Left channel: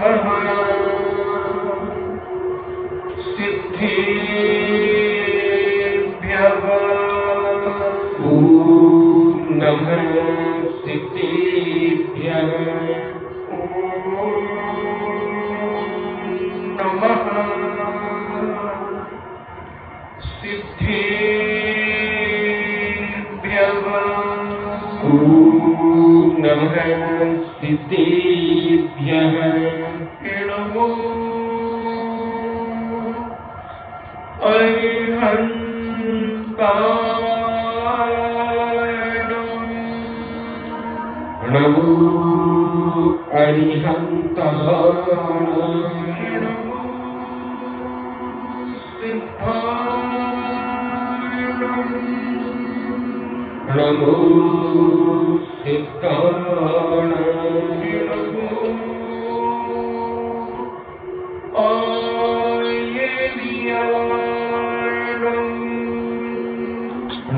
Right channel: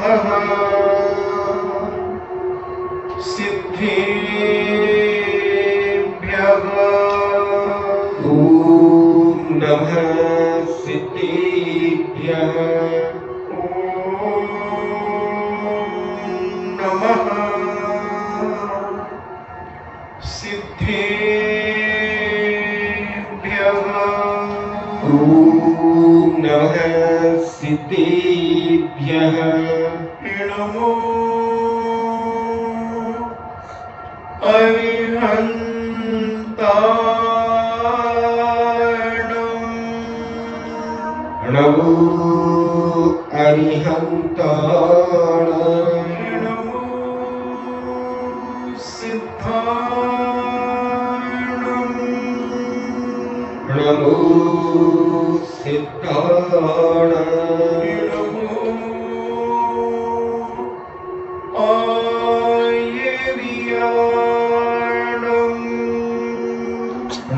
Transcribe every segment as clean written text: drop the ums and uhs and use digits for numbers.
नमः सिद्धेभ्यः। ॐ नमः सिद्धेभ्यः। नमः सिद्धेभ्यः। ॐ नमः सिद्धेभ्यः। नमो अरिहन्ताणम्। नमो अरिहन्ताणाम्। नमो सिद्धाणम्। नमो सिद्धाणाम्।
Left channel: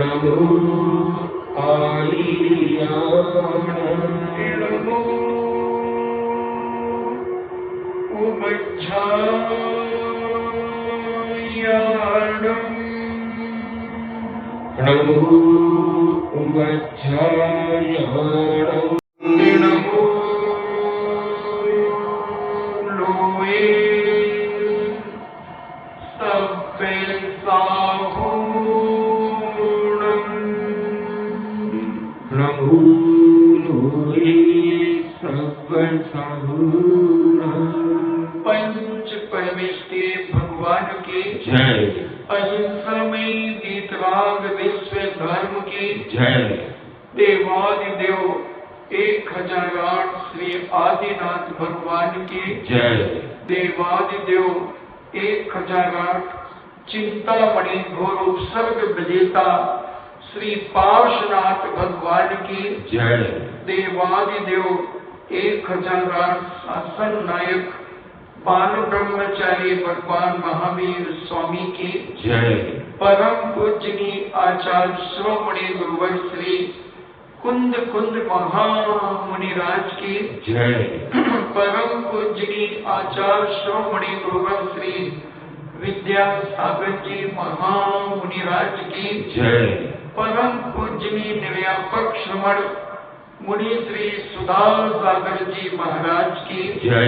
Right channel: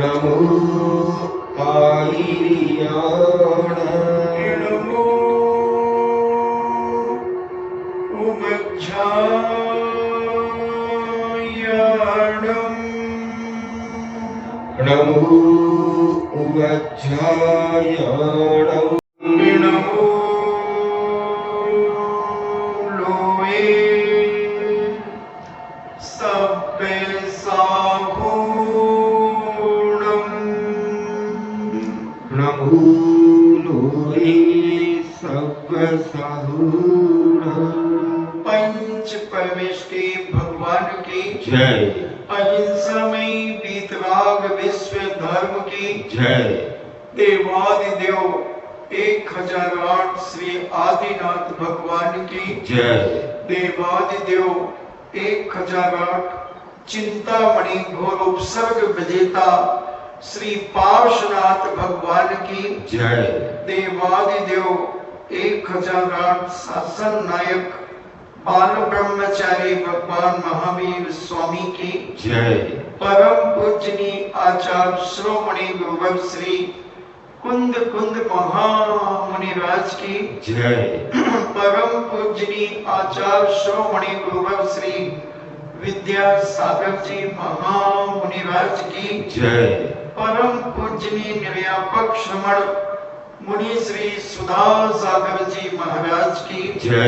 नमो आयर्याणाम्। नमो उमज्झायाणम्। नमो उमज्झायाणम्। नमो लोये सब्बे साभूणम्। नमो लोये सब्बसाहूणम्। पंच परमेष्टि भगवान की जय। अहिंसा में वीतराग विश्व धर्म की जय। देवादिदेव 1008 श्री आदिनाथ भगवान की जय। देवादिदेव 1008 चिंतामणि घोर उपसर्ग विजेता श्री पार्श्वनाथ भगवान की जय। देवादिदेव 1008 शासन नायक बाल ब्रह्मचारी भगवान महावीर स्वामी की जय। परम पूजनीय आचार्य श्रोमणि गुरुवर श्री कुंद कुंद महामुनिराज की जय। परम पूजनीय आचार्य श्रोमणि गुरुवर श्री विद्यासागर जी महामुनिराज की जय। परम पूजनीय निर्व्यापक श्रमण मुनि श्री सुधा सागर जी महाराज की जय।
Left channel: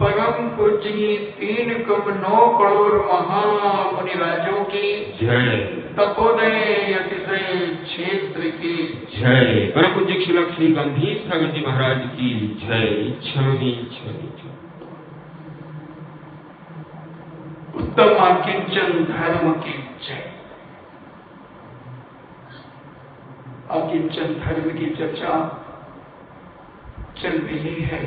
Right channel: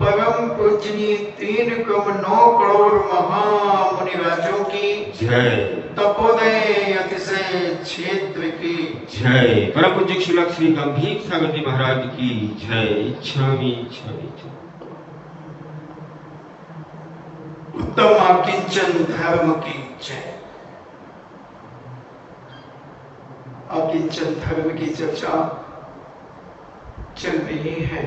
परम पूजनीय 3,9 करोड़ महामुनिराजों की जय। तपोदय अतिशय क्षेत्र की जय। परम पूज्य शिलक श्री गंभीर सागर जी महाराज की जय। छवि छवि उत्तम अकिंचन धर्म की जय। अकिंचन धर्म की चर्चा चल रही है।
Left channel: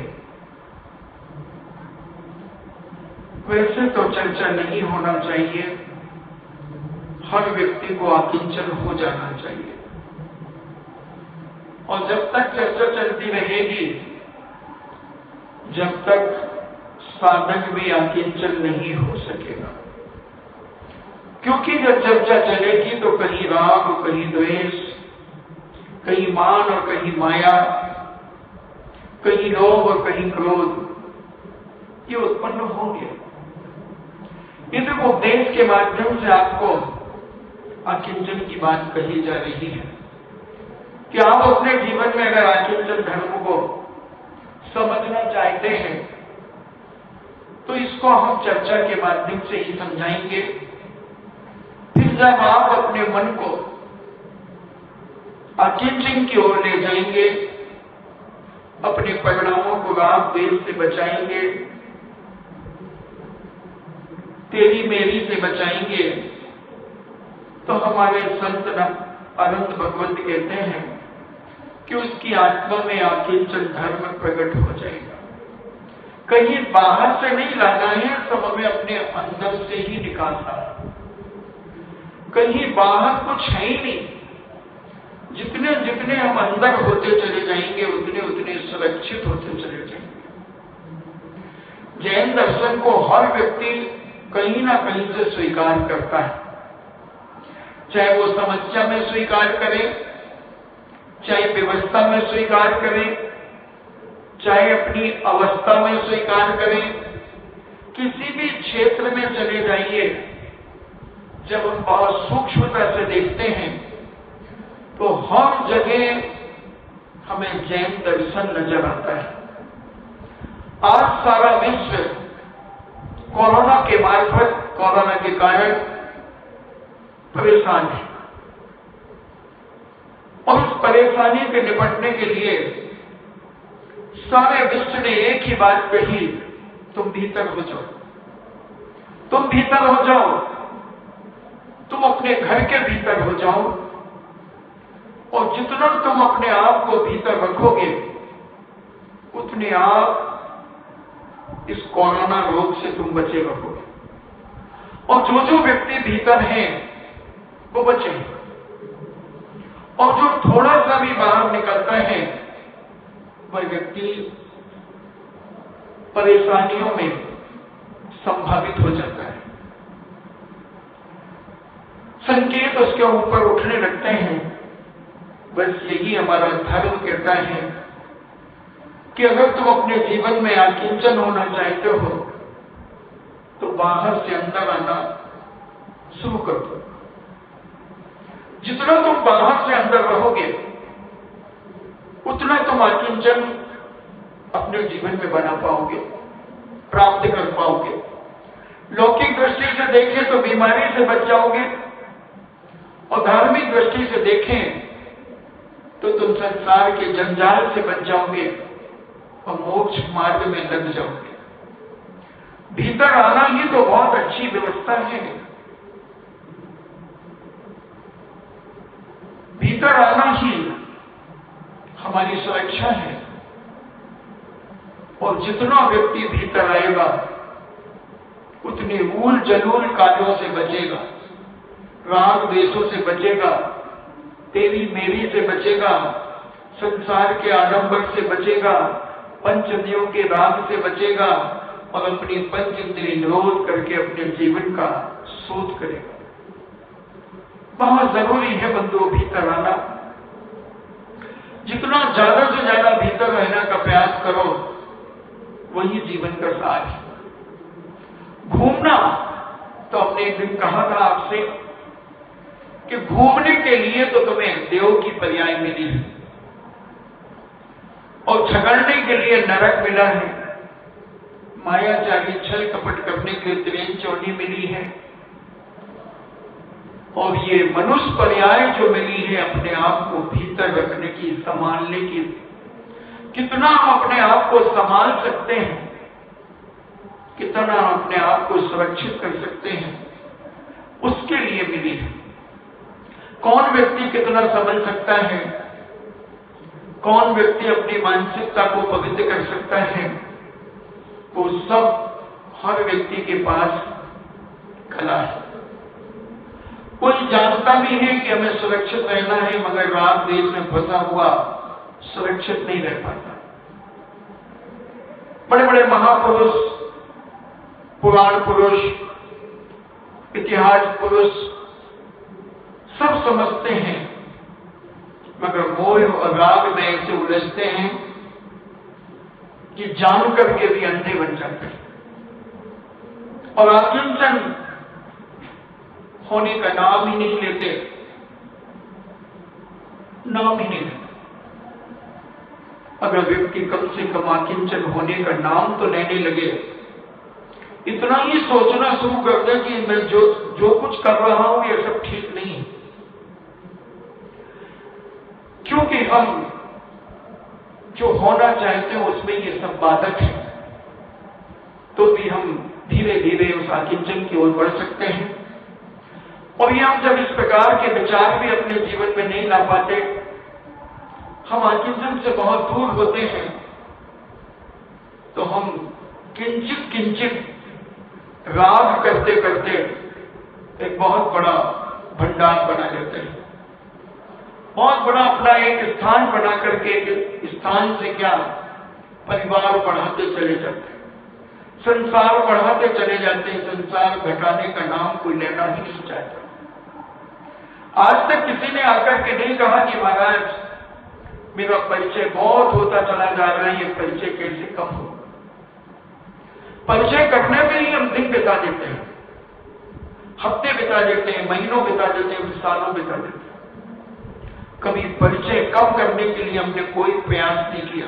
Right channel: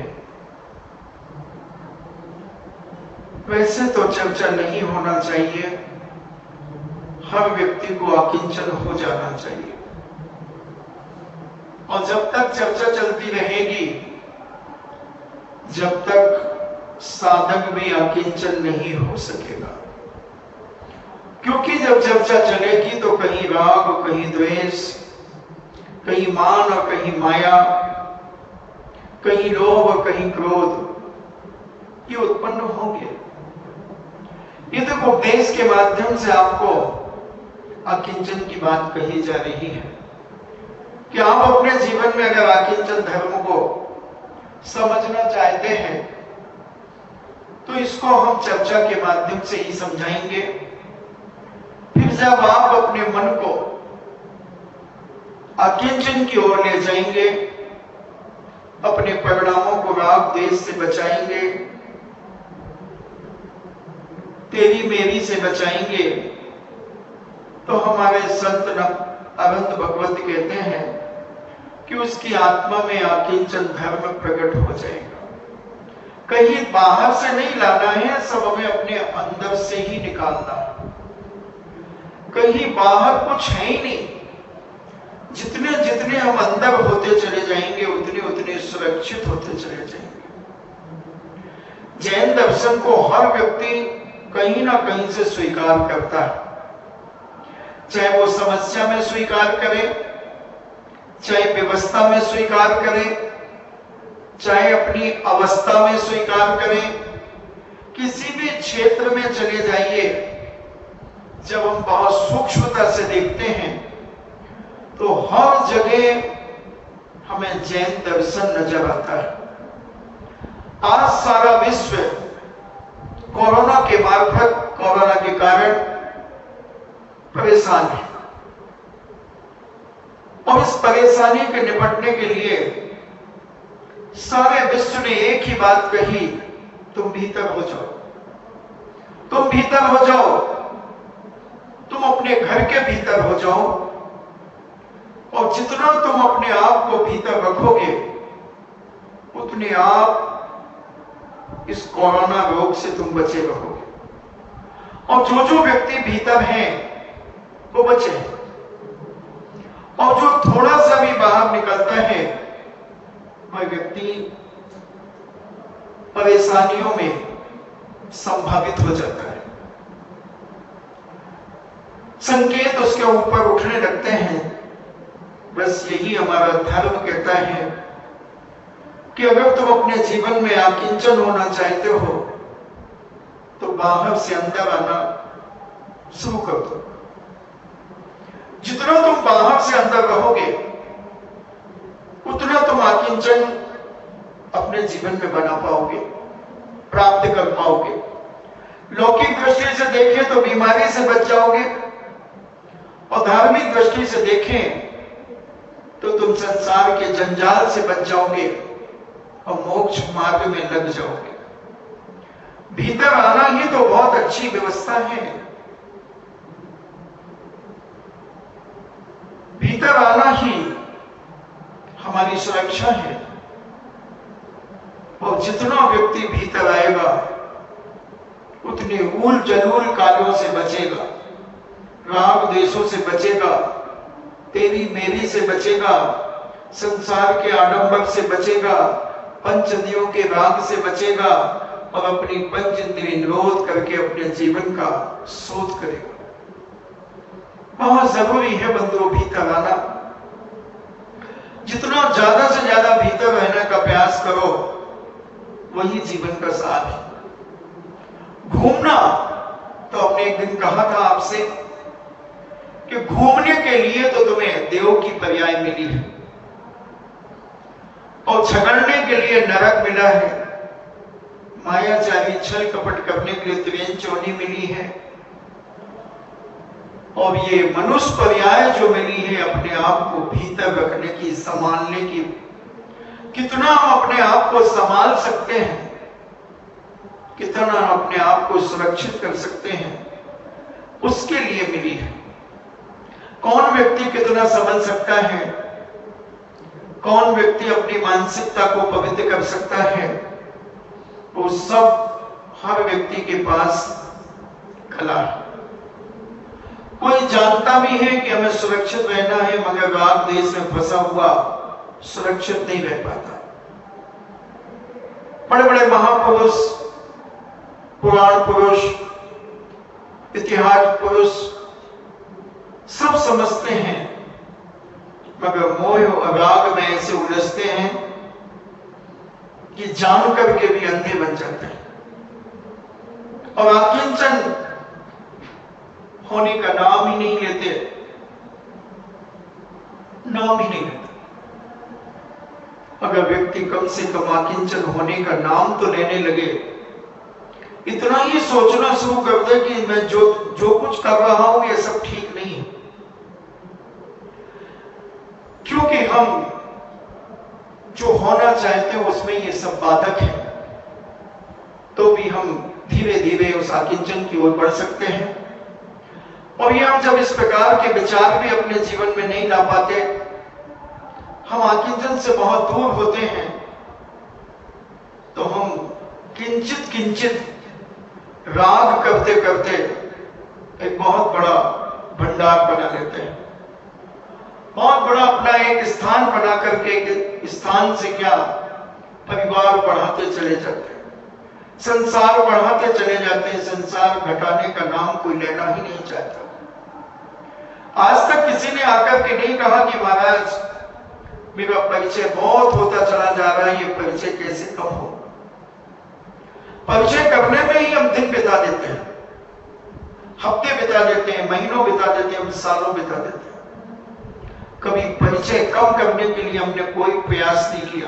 वैसे तो चर्चा नहीं होना चाहिए, हर व्यक्ति को अकिंचन हो जाना चाहिए। और जब तक चर्चा चलती रहेगी, जब तक साधक भी अकिंचन नहीं हो सकेगा। क्योंकि जब चर्चा चलेगी तो कहीं राग, कहीं द्वेष, कहीं मान और कहीं माया, कहीं लोभ और कहीं क्रोध, ये उत्पन्न होंगे। ये तो उपदेश के माध्यम से आपको अकिंचन की बात कही जा रही है कि आप अपने जीवन में अगर अकिंचन धर्म को समझना चाहते हैं तो इसको हम चर्चा के माध्यम से ही समझाएंगे। फिर जब आप अपने मन को अकिंचन की ओर ले जाएंगे, अपने परिणामों को राग द्वेष से बचाएंगे, तेरी मेरी से बचाएंगे, तो हमारे संत अनंत भगवत कहते हैं कि उसकी आत्मा में अकिंचन धर्म प्रकट हो जाएगा। कहीं बाहर से नहीं लाना है, सब हमें अपने अंदर से ही निकालना। कहीं बाहर कुछ है ही नहीं। जितने जितने हम अंदर होते चले जाएंगे, उतने उतने सुरक्षित होते चले जाएंगे। जैन दर्शन को हर व्यक्ति कहीं ना कहीं से स्वीकार करता है, चाहे वो समस्या में स्वीकार करे, चाहे व्यवस्था में स्वीकार करे, चाहे अपनी अवस्था में स्वीकार करें, किसी भी क्षेत्र में चले जाइए, जब हम बहुत सूक्ष्मता से देखते हैं तो हर जगह हमें जैन दर्शन नजर आता है। आज सारा विश्व कोरोना के मार्फत, कोरोना के कारण परेशान है और इस परेशानी के निपटने के लिए सारे विश्व ने एक ही बात कही, तुम भीतर हो जाओ, तुम भीतर हो जाओ, तुम अपने घर के भीतर हो जाओ और जितना तुम अपने आप को भीतर रखोगे उतने आप इस कोरोना रोग से तुम बचे रहोगे। और जो जो व्यक्ति भीतर हैं वो बचे, और जो थोड़ा सा भी बाहर निकलता है वह व्यक्ति परेशानियों में संभावित हो जाता है। संकेत उसके ऊपर उठने लगते हैं। बस यही हमारा धर्म कहता है कि अगर तुम अपने जीवन में आकिंचन होना चाहते हो तो बाहर से अंदर आना शुरू कर दो। जितना तुम बाहर से अंदर रहोगे उतना तुम आकिंचन अपने जीवन में बना पाओगे, प्राप्त कर पाओगे। लौकिक दृष्टि से देखें तो बीमारी से बच जाओगे और धार्मिक दृष्टि से देखें तो तुम संसार के जंजाल से बच जाओगे और मोक्ष मार्ग में लग जाओगे। भीतर आना ही तो बहुत अच्छी व्यवस्था है। भीतर आना ही हमारी सुरक्षा है। और जितना व्यक्ति भीतर आएगा उतने ऊल जलूल कालों से बचेगा, राग द्वेषों से बचेगा, तेरी मेरी से बचेगा, संसार के आडंबर से बचेगा, पंच इंद्रियों के राग से बचेगा और अपनी पंच इंद्रिय निरोध करके अपने जीवन का शोध करेगा। बहुत जरूरी है बंधुओं भीतर आना। जितना ज्यादा से ज्यादा भीतर रहने का प्रयास करो वही जीवन का सार है। घूमना तो हमने एक दिन कहा था आपसे कि घूमने के लिए तो तुम्हें देव की पर्याय मिली है और झगड़ने के लिए नरक मिला है, मायाचारी छल कपट करने के लिए त्रियन चौनी मिली है, और ये मनुष्य पर्याय जो मिली है अपने आप को भीतर रखने की, संभालने की। कितना हम अपने आप को संभाल सकते हैं, कितना हम अपने आप को सुरक्षित कर सकते हैं, उसके लिए मिली है। कौन व्यक्ति कितना समझ सकता है, कौन व्यक्ति अपनी मानसिकता को पवित्र कर सकता है, वो सब हर व्यक्ति के पास कला है। कोई जानता भी है कि हमें सुरक्षित रहना है, मगर राग द्वेष में फंसा हुआ सुरक्षित नहीं रह पाता। बड़े बड़े महापुरुष, पुराण पुरुष, इतिहास पुरुष सब समझते हैं, मगर मोह और राग में ऐसे उलझते हैं कि जान करके भी अंधे बन जाते हैं और आकिंचन होने का नाम ही नहीं लेते, नाम ही नहीं लेते। अगर व्यक्ति कम से कम आकिंचन होने का नाम तो लेने लगे, इतना ही सोचना शुरू कर दे कि मैं जो कुछ कर रहा हूं ये सब ठीक नहीं है, क्योंकि हम जो होना चाहते हैं उसमें ये सब बाधक है, तो भी हम धीरे धीरे उस आकिंचन की ओर बढ़ सकते हैं। और ये हम जब इस प्रकार के विचार भी अपने जीवन में नहीं ला पाते, हम आकिंचन से बहुत दूर होते हैं, तो हम किंचित किंचित राग करते करते एक बहुत बड़ा भंडार बना लेते हैं, बहुत बड़ा अपना एक स्थान बना करके एक स्थान से क्या परिवार बढ़ाते चले जाते हैं, संसार बढ़ाते चले जाते हैं। संसार घटाने का नाम कोई लेना ही नहीं चाहता। आज तक किसी ने आकर के नहीं कहा कि महाराज मेरा परिचय बहुत होता चला जा रहा है, ये परिचय कैसे कम हो। परिचय करने में ही हम दिन बिता देते हैं, हफ्ते बिता देते हैं, महीनों बिता देते हैं, सालों बिता देते हैं। कभी परिचय कम करने के लिए हमने कोई प्रयास नहीं किया।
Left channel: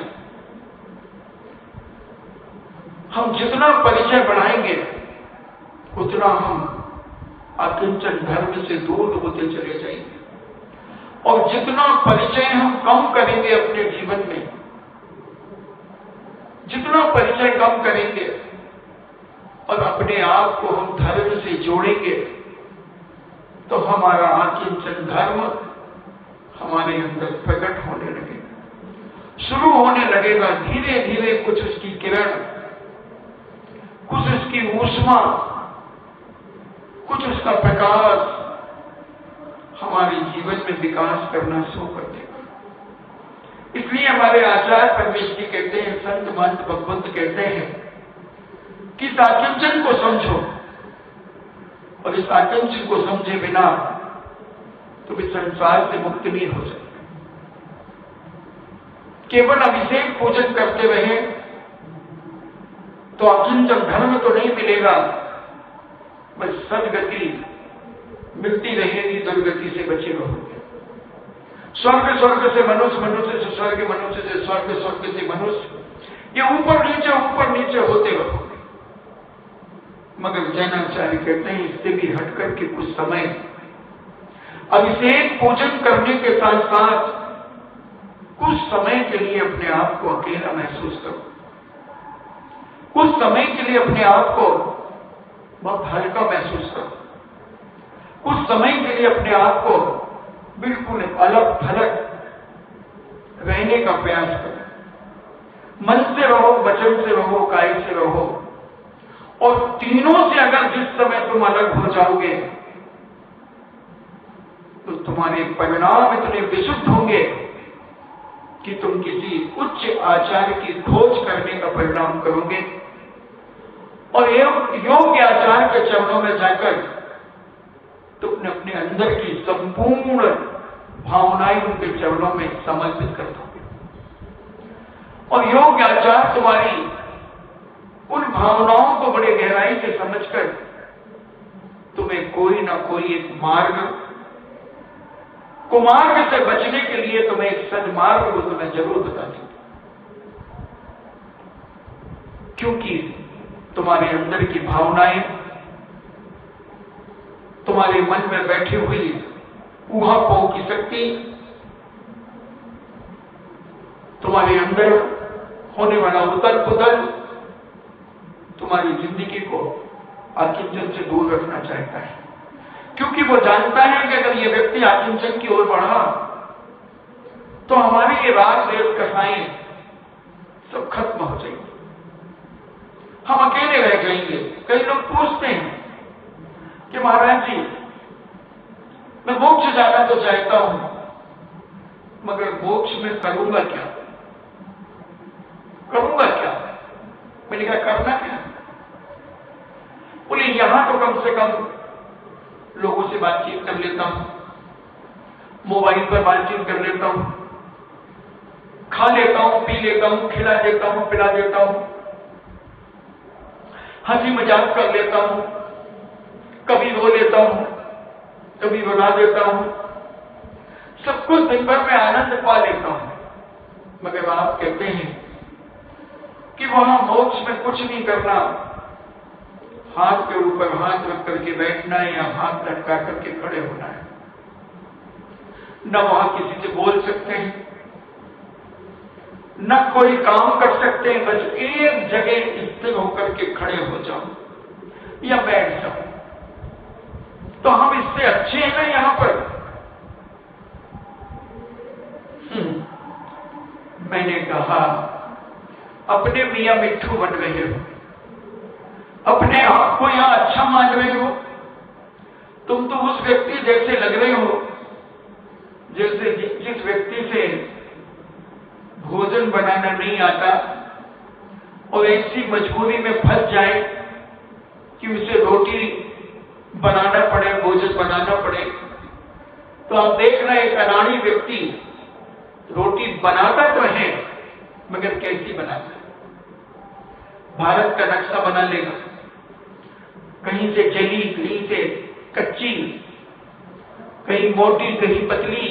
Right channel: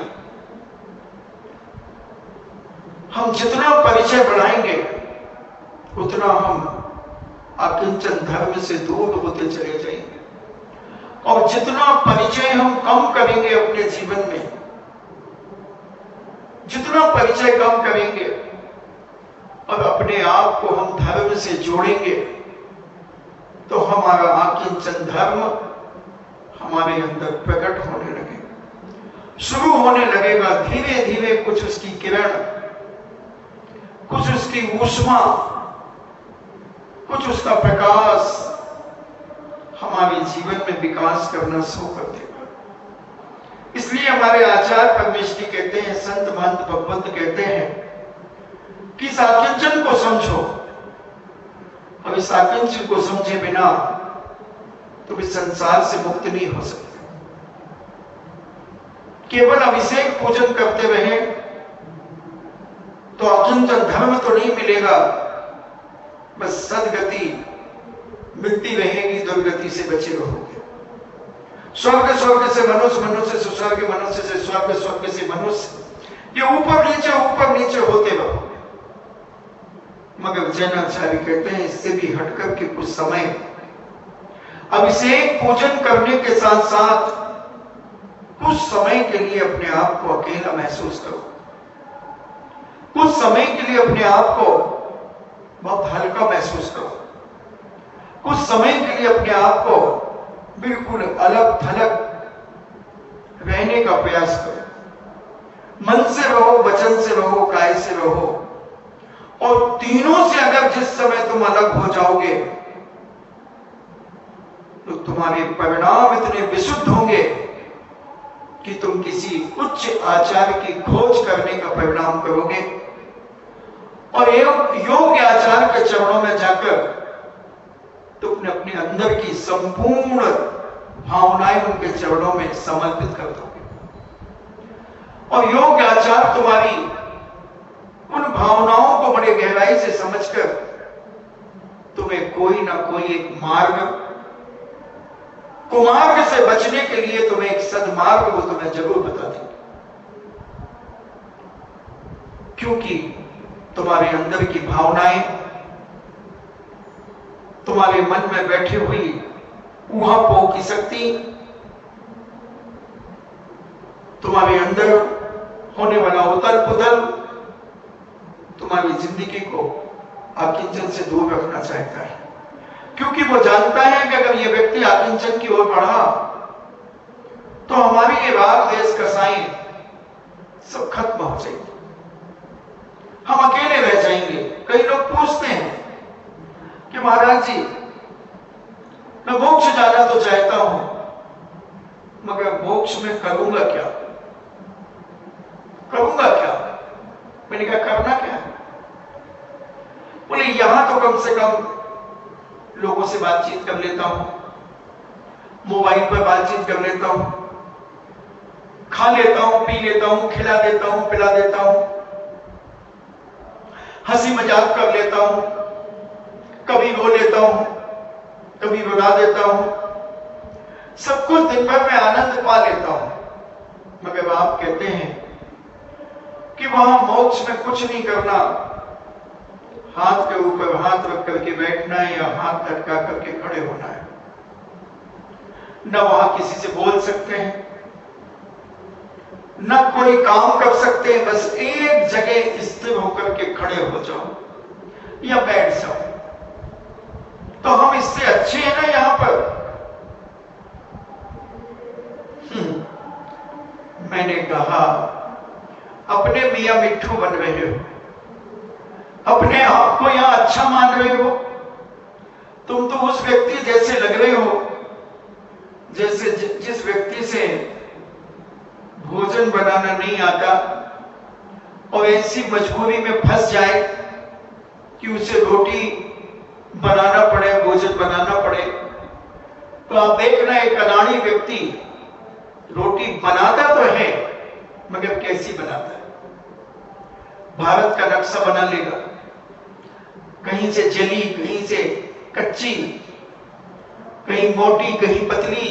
हम जितना परिचय बढ़ाएंगे उतना हम अकिंचन धर्म से दूर होते चले जाएंगे, और जितना परिचय हम कम करेंगे अपने जीवन में, जितना परिचय कम करेंगे और अपने आप को हम धर्म से जोड़ेंगे, तो हमारा अकिंचन धर्म हमारे अंदर प्रकट होने लगेगा, शुरू होने लगेगा। धीरे धीरे कुछ उसकी किरण, कुछ उसकी ऊष्मा, कुछ उसका प्रकाश हमारे जीवन में विकास करना शुरू कर देगा। इसलिए हमारे आचार्य परमेश्वरी कहते हैं, संत महंत भगवंत कहते हैं कि इस आकिंचन को समझो, और इस आकिंचन को समझे बिना तो इस संसार से मुक्त नहीं हो सकते। केवल अभिषेक पूजन करते रहे तो अकिंचन धर्म तो नहीं मिलेगा, बस सदगति मिलती रहेगी, दुर्गति से बचे रहोगे। स्वर्ग स्वर्ग से मनुष्य, मनुष्य से स्वर्ग, मनुष्य से स्वर्ग, स्वर्ग से मनुष्य, ये ऊपर नीचे होते रहोगे। मगर जैनाचार्य कहते हैं इससे भी हटकर के कुछ समय अभिषेक पूजन करने के साथ साथ कुछ समय के लिए अपने आप को अकेला महसूस करो, कुछ समय के लिए अपने आप को बहुत हल्का महसूस करो, कुछ समय के लिए अपने आप को बिल्कुल अलग थलग रहने का प्रयास करो। मन से रहो, वचन से रहो, काय से रहो, और तीनों से अगर जिस समय तुम अलग हो जाओगे तो तुम्हारे परिणाम इतने विशुद्ध होंगे कि तुम किसी उच्च आचार्य की खोज करने का परिणाम करोगे, और योग्य आचार्य के चरणों में जाकर तुमने अपने अंदर की संपूर्ण भावनाएं उनके चरणों में समर्पित कर दोगे, और योग्य आचार्य तुम्हारी उन भावनाओं को बड़े गहराई से समझकर तुम्हें कोई ना कोई एक मार्ग, कुमार्ग से बचने के लिए तुम्हें एक सदमार्ग वो तुम्हें जरूर बता देंगे, क्योंकि तुम्हारे अंदर की भावनाएं, तुम्हारे मन में बैठी हुई ऊहापोह की शक्ति, तुम्हारे अंदर होने वाला उथल पुथल तुम्हारी जिंदगी को अकिंचन से दूर रखना चाहता है, क्योंकि वो जानता है कि अगर ये व्यक्ति अकिंचन की ओर बढ़ा तो हमारी ये राग देश कसाएं सब खत्म हो जाएंगे, हम अकेले रह जाएंगे। कई लोग पूछते हैं कि महाराज जी मैं मोक्ष जाना तो चाहता हूं, मगर मोक्ष में करूंगा क्या, करूंगा क्या? मैंने कहा करना क्या? बोले यहां तो कम से कम लोगों से बातचीत कर लेता हूं, मोबाइल पर बातचीत कर लेता हूं, खा लेता हूं, पी लेता हूं, खिला देता हूं, पिला देता हूं, हंसी मजाक कर लेता हूं, कभी रो लेता हूं, कभी रुला देता हूं, सब कुछ दिन भर में आनंद पा लेता हूं। मगर आप कहते हैं कि वहां मोक्ष में कुछ नहीं करना, हाथ के ऊपर हाथ रख करके बैठना है या हाथ लटका करके खड़े होना है, न वहां किसी से बोल सकते हैं, न कोई काम कर सकते हैं, बस एक जगह स्थिर होकर के खड़े हो जाओ या बैठ जाओ। तो हम इससे अच्छे हैं ना यहां पर? मैंने कहा अपने मियां मिट्ठू बन रहे हो, अपने आप को यहां अच्छा मान रहे हो, तुम तो उस व्यक्ति जैसे लग रहे हो जैसे जिस व्यक्ति से भोजन बनाना नहीं आता और ऐसी मजबूरी में फंस जाए कि उसे रोटी बनाना पड़े, भोजन बनाना पड़े। तो आप देखना एक अनाड़ी व्यक्ति रोटी बनाता तो है, मगर कैसी बनाता है? भारत का नक्शा बना लेगा, कहीं से जली, कहीं से कच्ची, कहीं मोटी, कहीं पतली,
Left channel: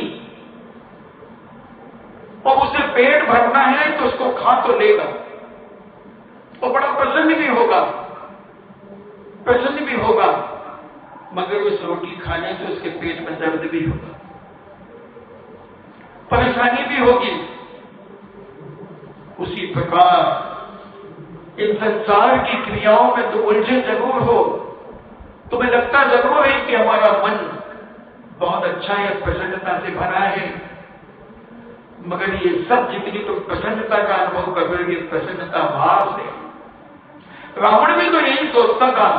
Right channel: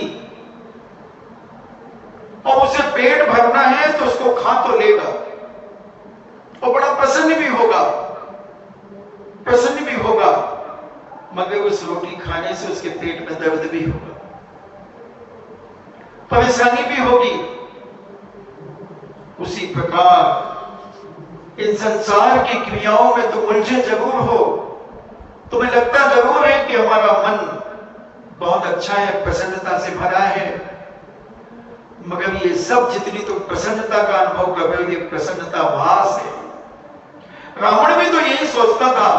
और उसे पेट भरना है तो उसको खा तो लेगा और बड़ा प्रसन्न भी होगा, मगर उस रोटी खाने से उसके पेट में दर्द भी होगा, परेशानी भी होगी। उसी प्रकार इन संसार की क्रियाओं में तुम उलझे जरूर हो, तुम्हें लगता जरूर है कि हमारा मन बहुत अच्छा है, प्रसन्नता से भरा है, मगर ये सब जितनी तुम प्रसन्नता का अनुभव कर रहे हो, ये प्रसन्नता वास है। रावण भी तो यही सोचता था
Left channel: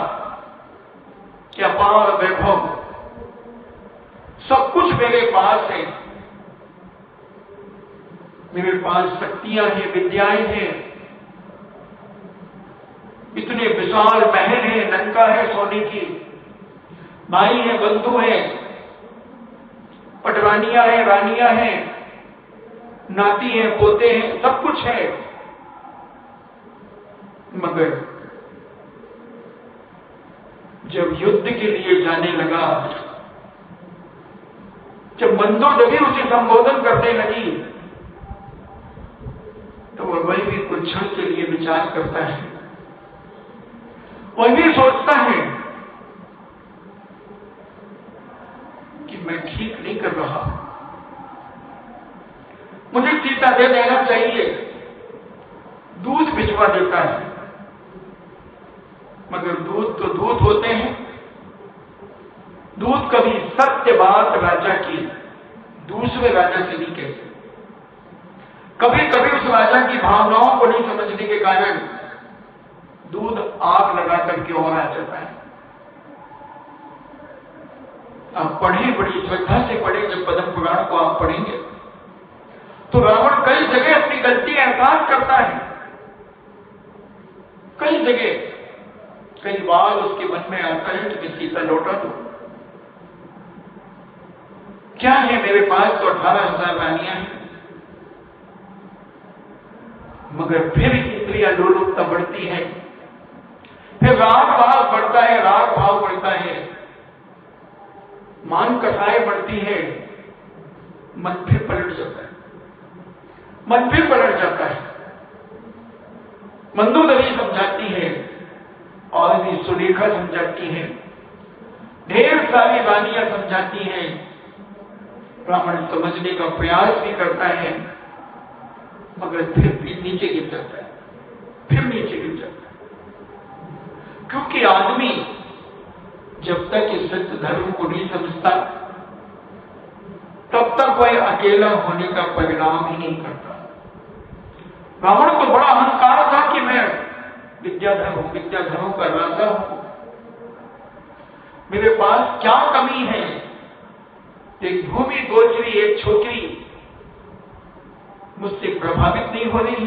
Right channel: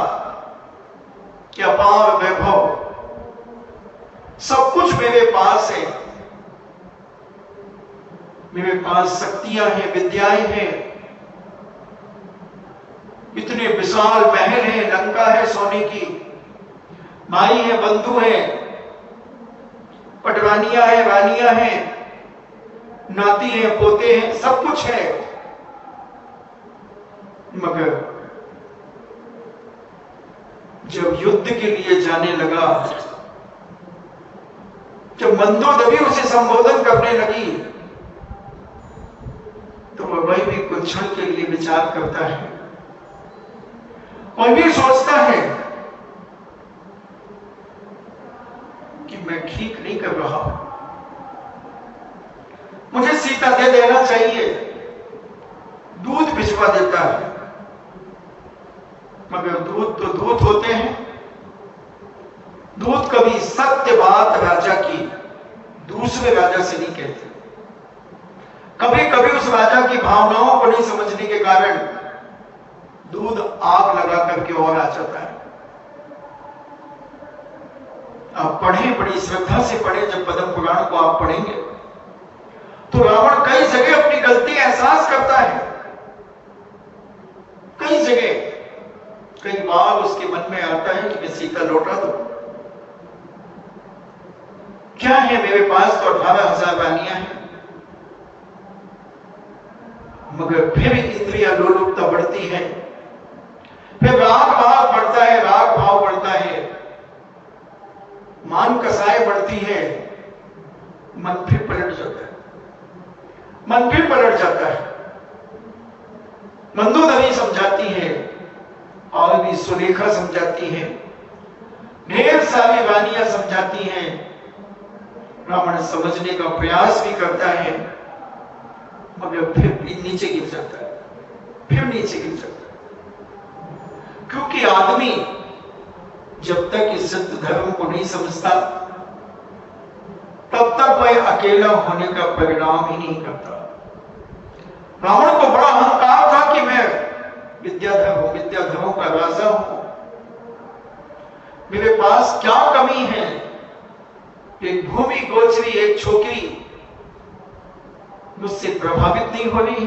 कि अपार वैभव, सब कुछ मेरे पास है, मेरे पास शक्तियां हैं, विद्याएं हैं, इतने विशाल महल है, लंका है सोने की, माई है, बंधु है, पटरानियां है, रानियां हैं, नाती है, पोते हैं, सब कुछ है, मगर जब युद्ध के लिए जाने लगा, जब मंदोदरी उसे संबोधन करने लगी, तो वह भी कुछ क्षण के लिए विचार करता है, वह भी सोचता है कि मैं ठीक नहीं कर रहा, मुझे सीता दे देना चाहिए। दूध भिजवा देता है, मगर दूध तो दूध होते हैं, दूध कभी सत्य बात राजा की दूसरे राजा से नहीं कहते। कभी कभी उस राजा की भावनाओं को नहीं समझने के कारण दूध आग लगा करके और आ जाता है। आप पढ़ें, बड़ी श्रद्धा से पढ़ें, जब पद्म पुराण को आप पढ़ेंगे तो रावण कई जगह अपनी गलती एहसास करता है, कई जगह, कई बार उसके मन में आता है कि मैं सीता लौटा दूं, क्या है मेरे पास तो 18,000 रानियां हैं, मगर फिर इंद्रिया लोलुपता बढ़ती है, फिर राग भाव बढ़ता है, राग भाव बढ़ता है, मान कसाई बढ़ती है, मन फिर पलट जाता है, मन फिर पलट जाता है। मंदोदरी समझाती है और भी सुलेखा समझाती है, ढेर सारी रानियां समझाती हैं, रावण समझने का प्रयास भी करता है, मगर फिर नीचे गिर जाता है, फिर नीचे गिर जाता है। क्योंकि आदमी जब तक इस सत्य धर्म को नहीं समझता, तब तक वह अकेला होने का परिणाम ही नहीं करता। रावण को बड़ा अहंकार था कि मैं विद्याधर हूं, विद्याधरों का राजा हूं, मेरे पास क्या कमी है, एक भूमि गोचरी, एक छोकरी मुझसे प्रभावित नहीं हो रही।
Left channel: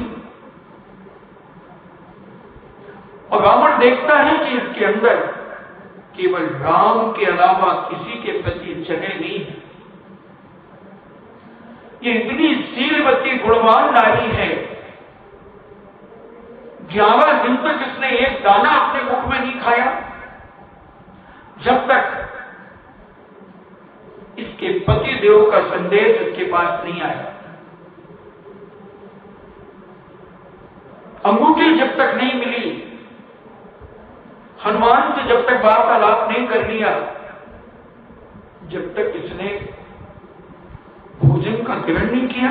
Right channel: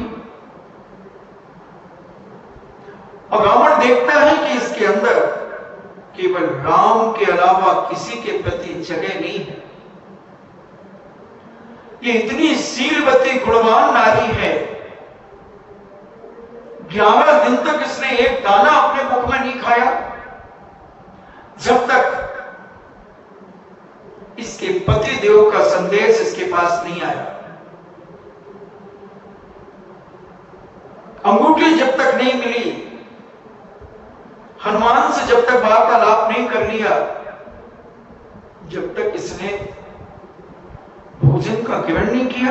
और रावण देखता है कि इसके अंदर केवल राम के अलावा किसी के प्रति जगह नहीं है, ये इतनी शीलवती गुणवान नारी है, 11 दिन तक इसने एक दाना अपने मुख में नहीं खाया, जब तक इसके पति देव का संदेश इसके पास नहीं आया। अंगूठी जब तक नहीं मिली, हनुमान से जब तक वार्तालाप नहीं कर लिया, जब तक इसने भोजन का ग्रहण नहीं किया,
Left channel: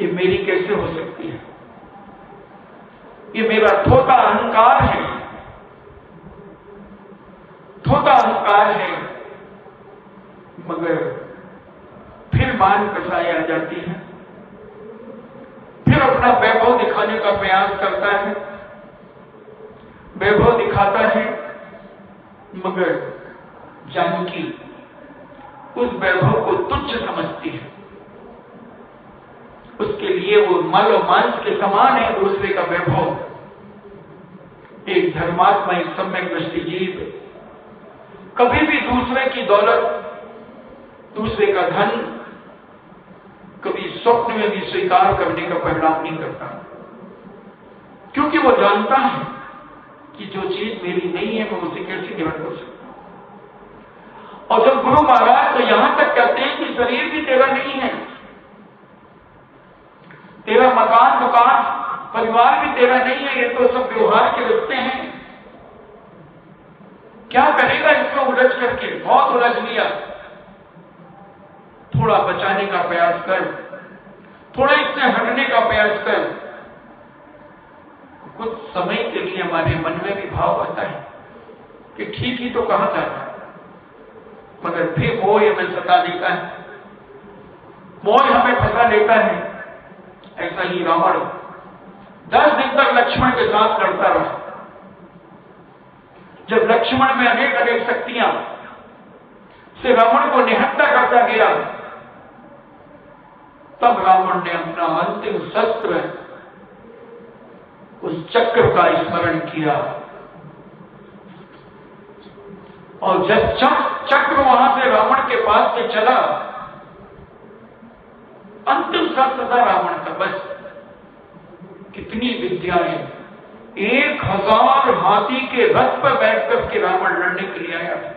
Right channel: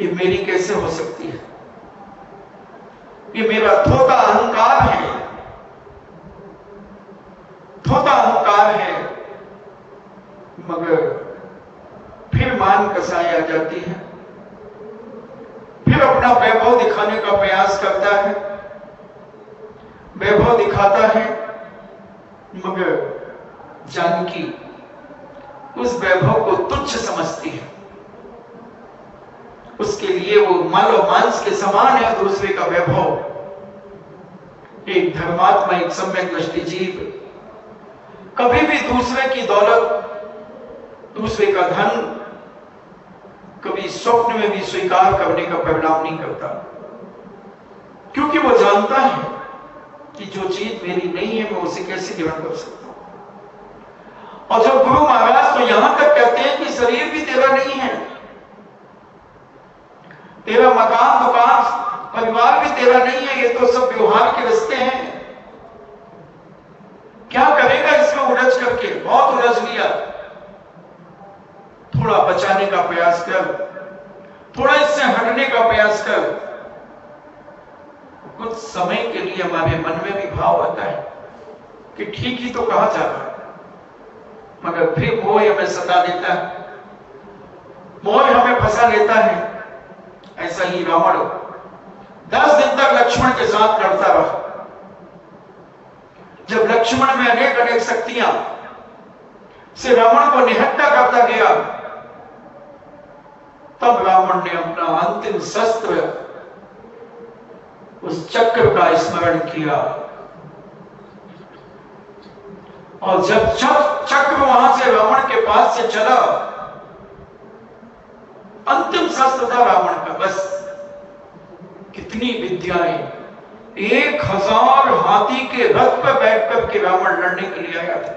ये मेरी कैसे हो सकती है, ये मेरा थोथा अहंकार है, थोथा अहंकार है। मगर फिर मान कसाई आ जाती है, फिर अपना वैभव दिखाने का प्रयास करता है, वैभव दिखाता है, मगर जानकी उस वैभव को तुच्छ समझती है, उसके लिए वो मल और मांस के समान है दूसरे का वैभव। एक धर्मात्मा, एक सम्यक दृष्टि जीव कभी भी दूसरे की दौलत, दूसरे का धन, कभी स्वप्न में भी स्वीकार करने का परिणाम नहीं करता, क्योंकि वो जानता है कि जो चीज मेरी नहीं है मैं उसे कैसे ग्रहण कर सकता हूं। और जब गुरु महाराज तो यहां तक कहते हैं कि शरीर भी तेरा नहीं है, तेरा मकान दुकान परिवार भी तेरा नहीं है, ये तो सब व्यवहार के रिश्ते हैं, क्या करेगा इसमें उलझ करके, बहुत उलझ लिया, थोड़ा बचाने का प्रयास कर, थोड़ा इससे हटने का प्रयास कर। कुछ समय के लिए हमारे मन में भी भाव आता है कि ठीक ही तो कहा जा रहा है, मगर फिर मोह हमें सता देता है, मोह हमें फंसा लेता है। ऐसा ही रावण 10 दिन तक लक्ष्मण के साथ लड़ता रहा। जब लक्ष्मण में अनेक अनेक शक्तियां से रावण को निहत्था करता गया, तब रावण ने अपना अंतिम शस्त्र उस चक्र का स्मरण किया, और जब चक्र वहां से रावण के पास से चला, अंतिम शस्त्र था रावण का। बस कितनी विद्याएं, 1000 हाथी के रथ पर बैठकर के रावण लड़ने के लिए आया था।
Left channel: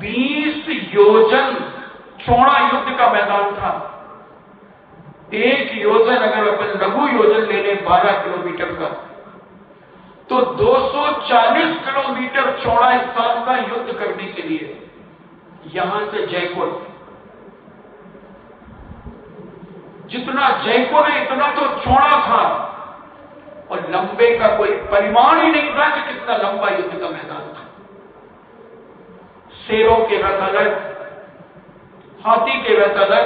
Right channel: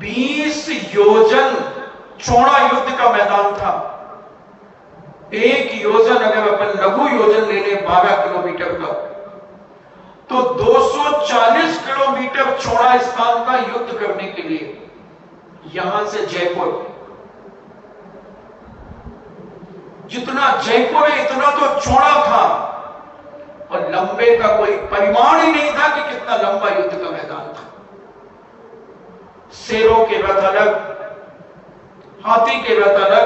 20 योजन चौड़ा युद्ध का मैदान था। 1 योजन अगर अपन लघु योजन ले लें 12 किलोमीटर का, तो 240 किलोमीटर चौड़ा स्थान का युद्ध करने के लिए यहां से जयपुर, जितना जयपुर है इतना तो चौड़ा था, और लंबे का कोई परिमाण ही नहीं था कि कितना लंबा युद्ध का मैदान था। शेरों के रथ अलग, हाथी के रथ अलग,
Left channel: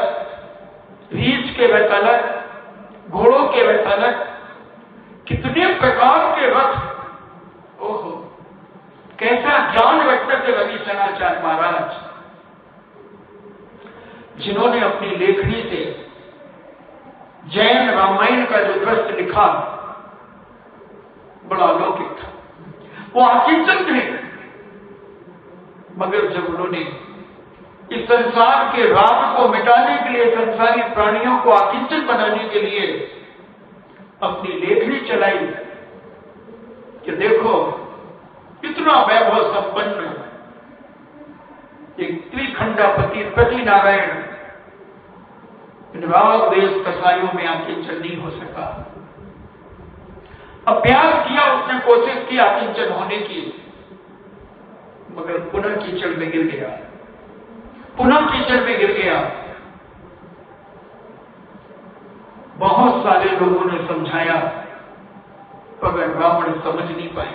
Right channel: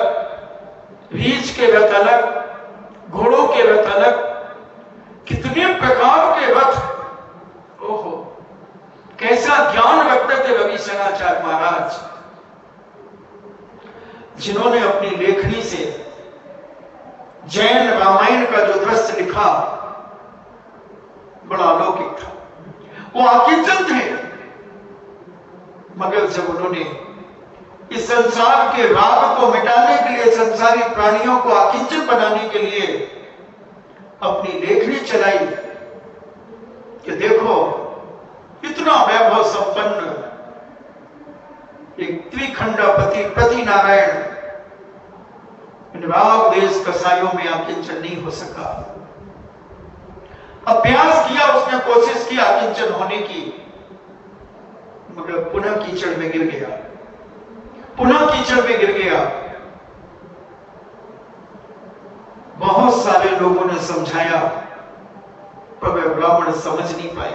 रीछ के रथ अलग, घोड़ों के रथ अलग, कितने प्रकार के रथ। ओहो, कैसा ज्ञान रखते थे रवि शरणाचार्य महाराज, जिन्होंने अपनी लेखनी से जैन रामायण का जो दृश्य लिखा बड़ा अलौकिक था। वो आकिंचन थे, मगर जब उन्होंने इस संसार के राग को मिटाने के लिए, संसारी प्राणियों को आकिंचन बनाने के लिए अपनी लेखनी चलाई कि देखो इतना वैभव संपन्न एक त्रिखंडापति पति नारायण राग देश कसाईयों में आकिंचन नहीं हो सका। अभ्यास किया उसने, कोशिश की आकिंचन होने की, मगर पुनः कीचड़ में गिर गया, पुनः कीचड़ में गिर गया। बहुत सारे लोगों ने समझाया, मगर रावण समझ नहीं पाए।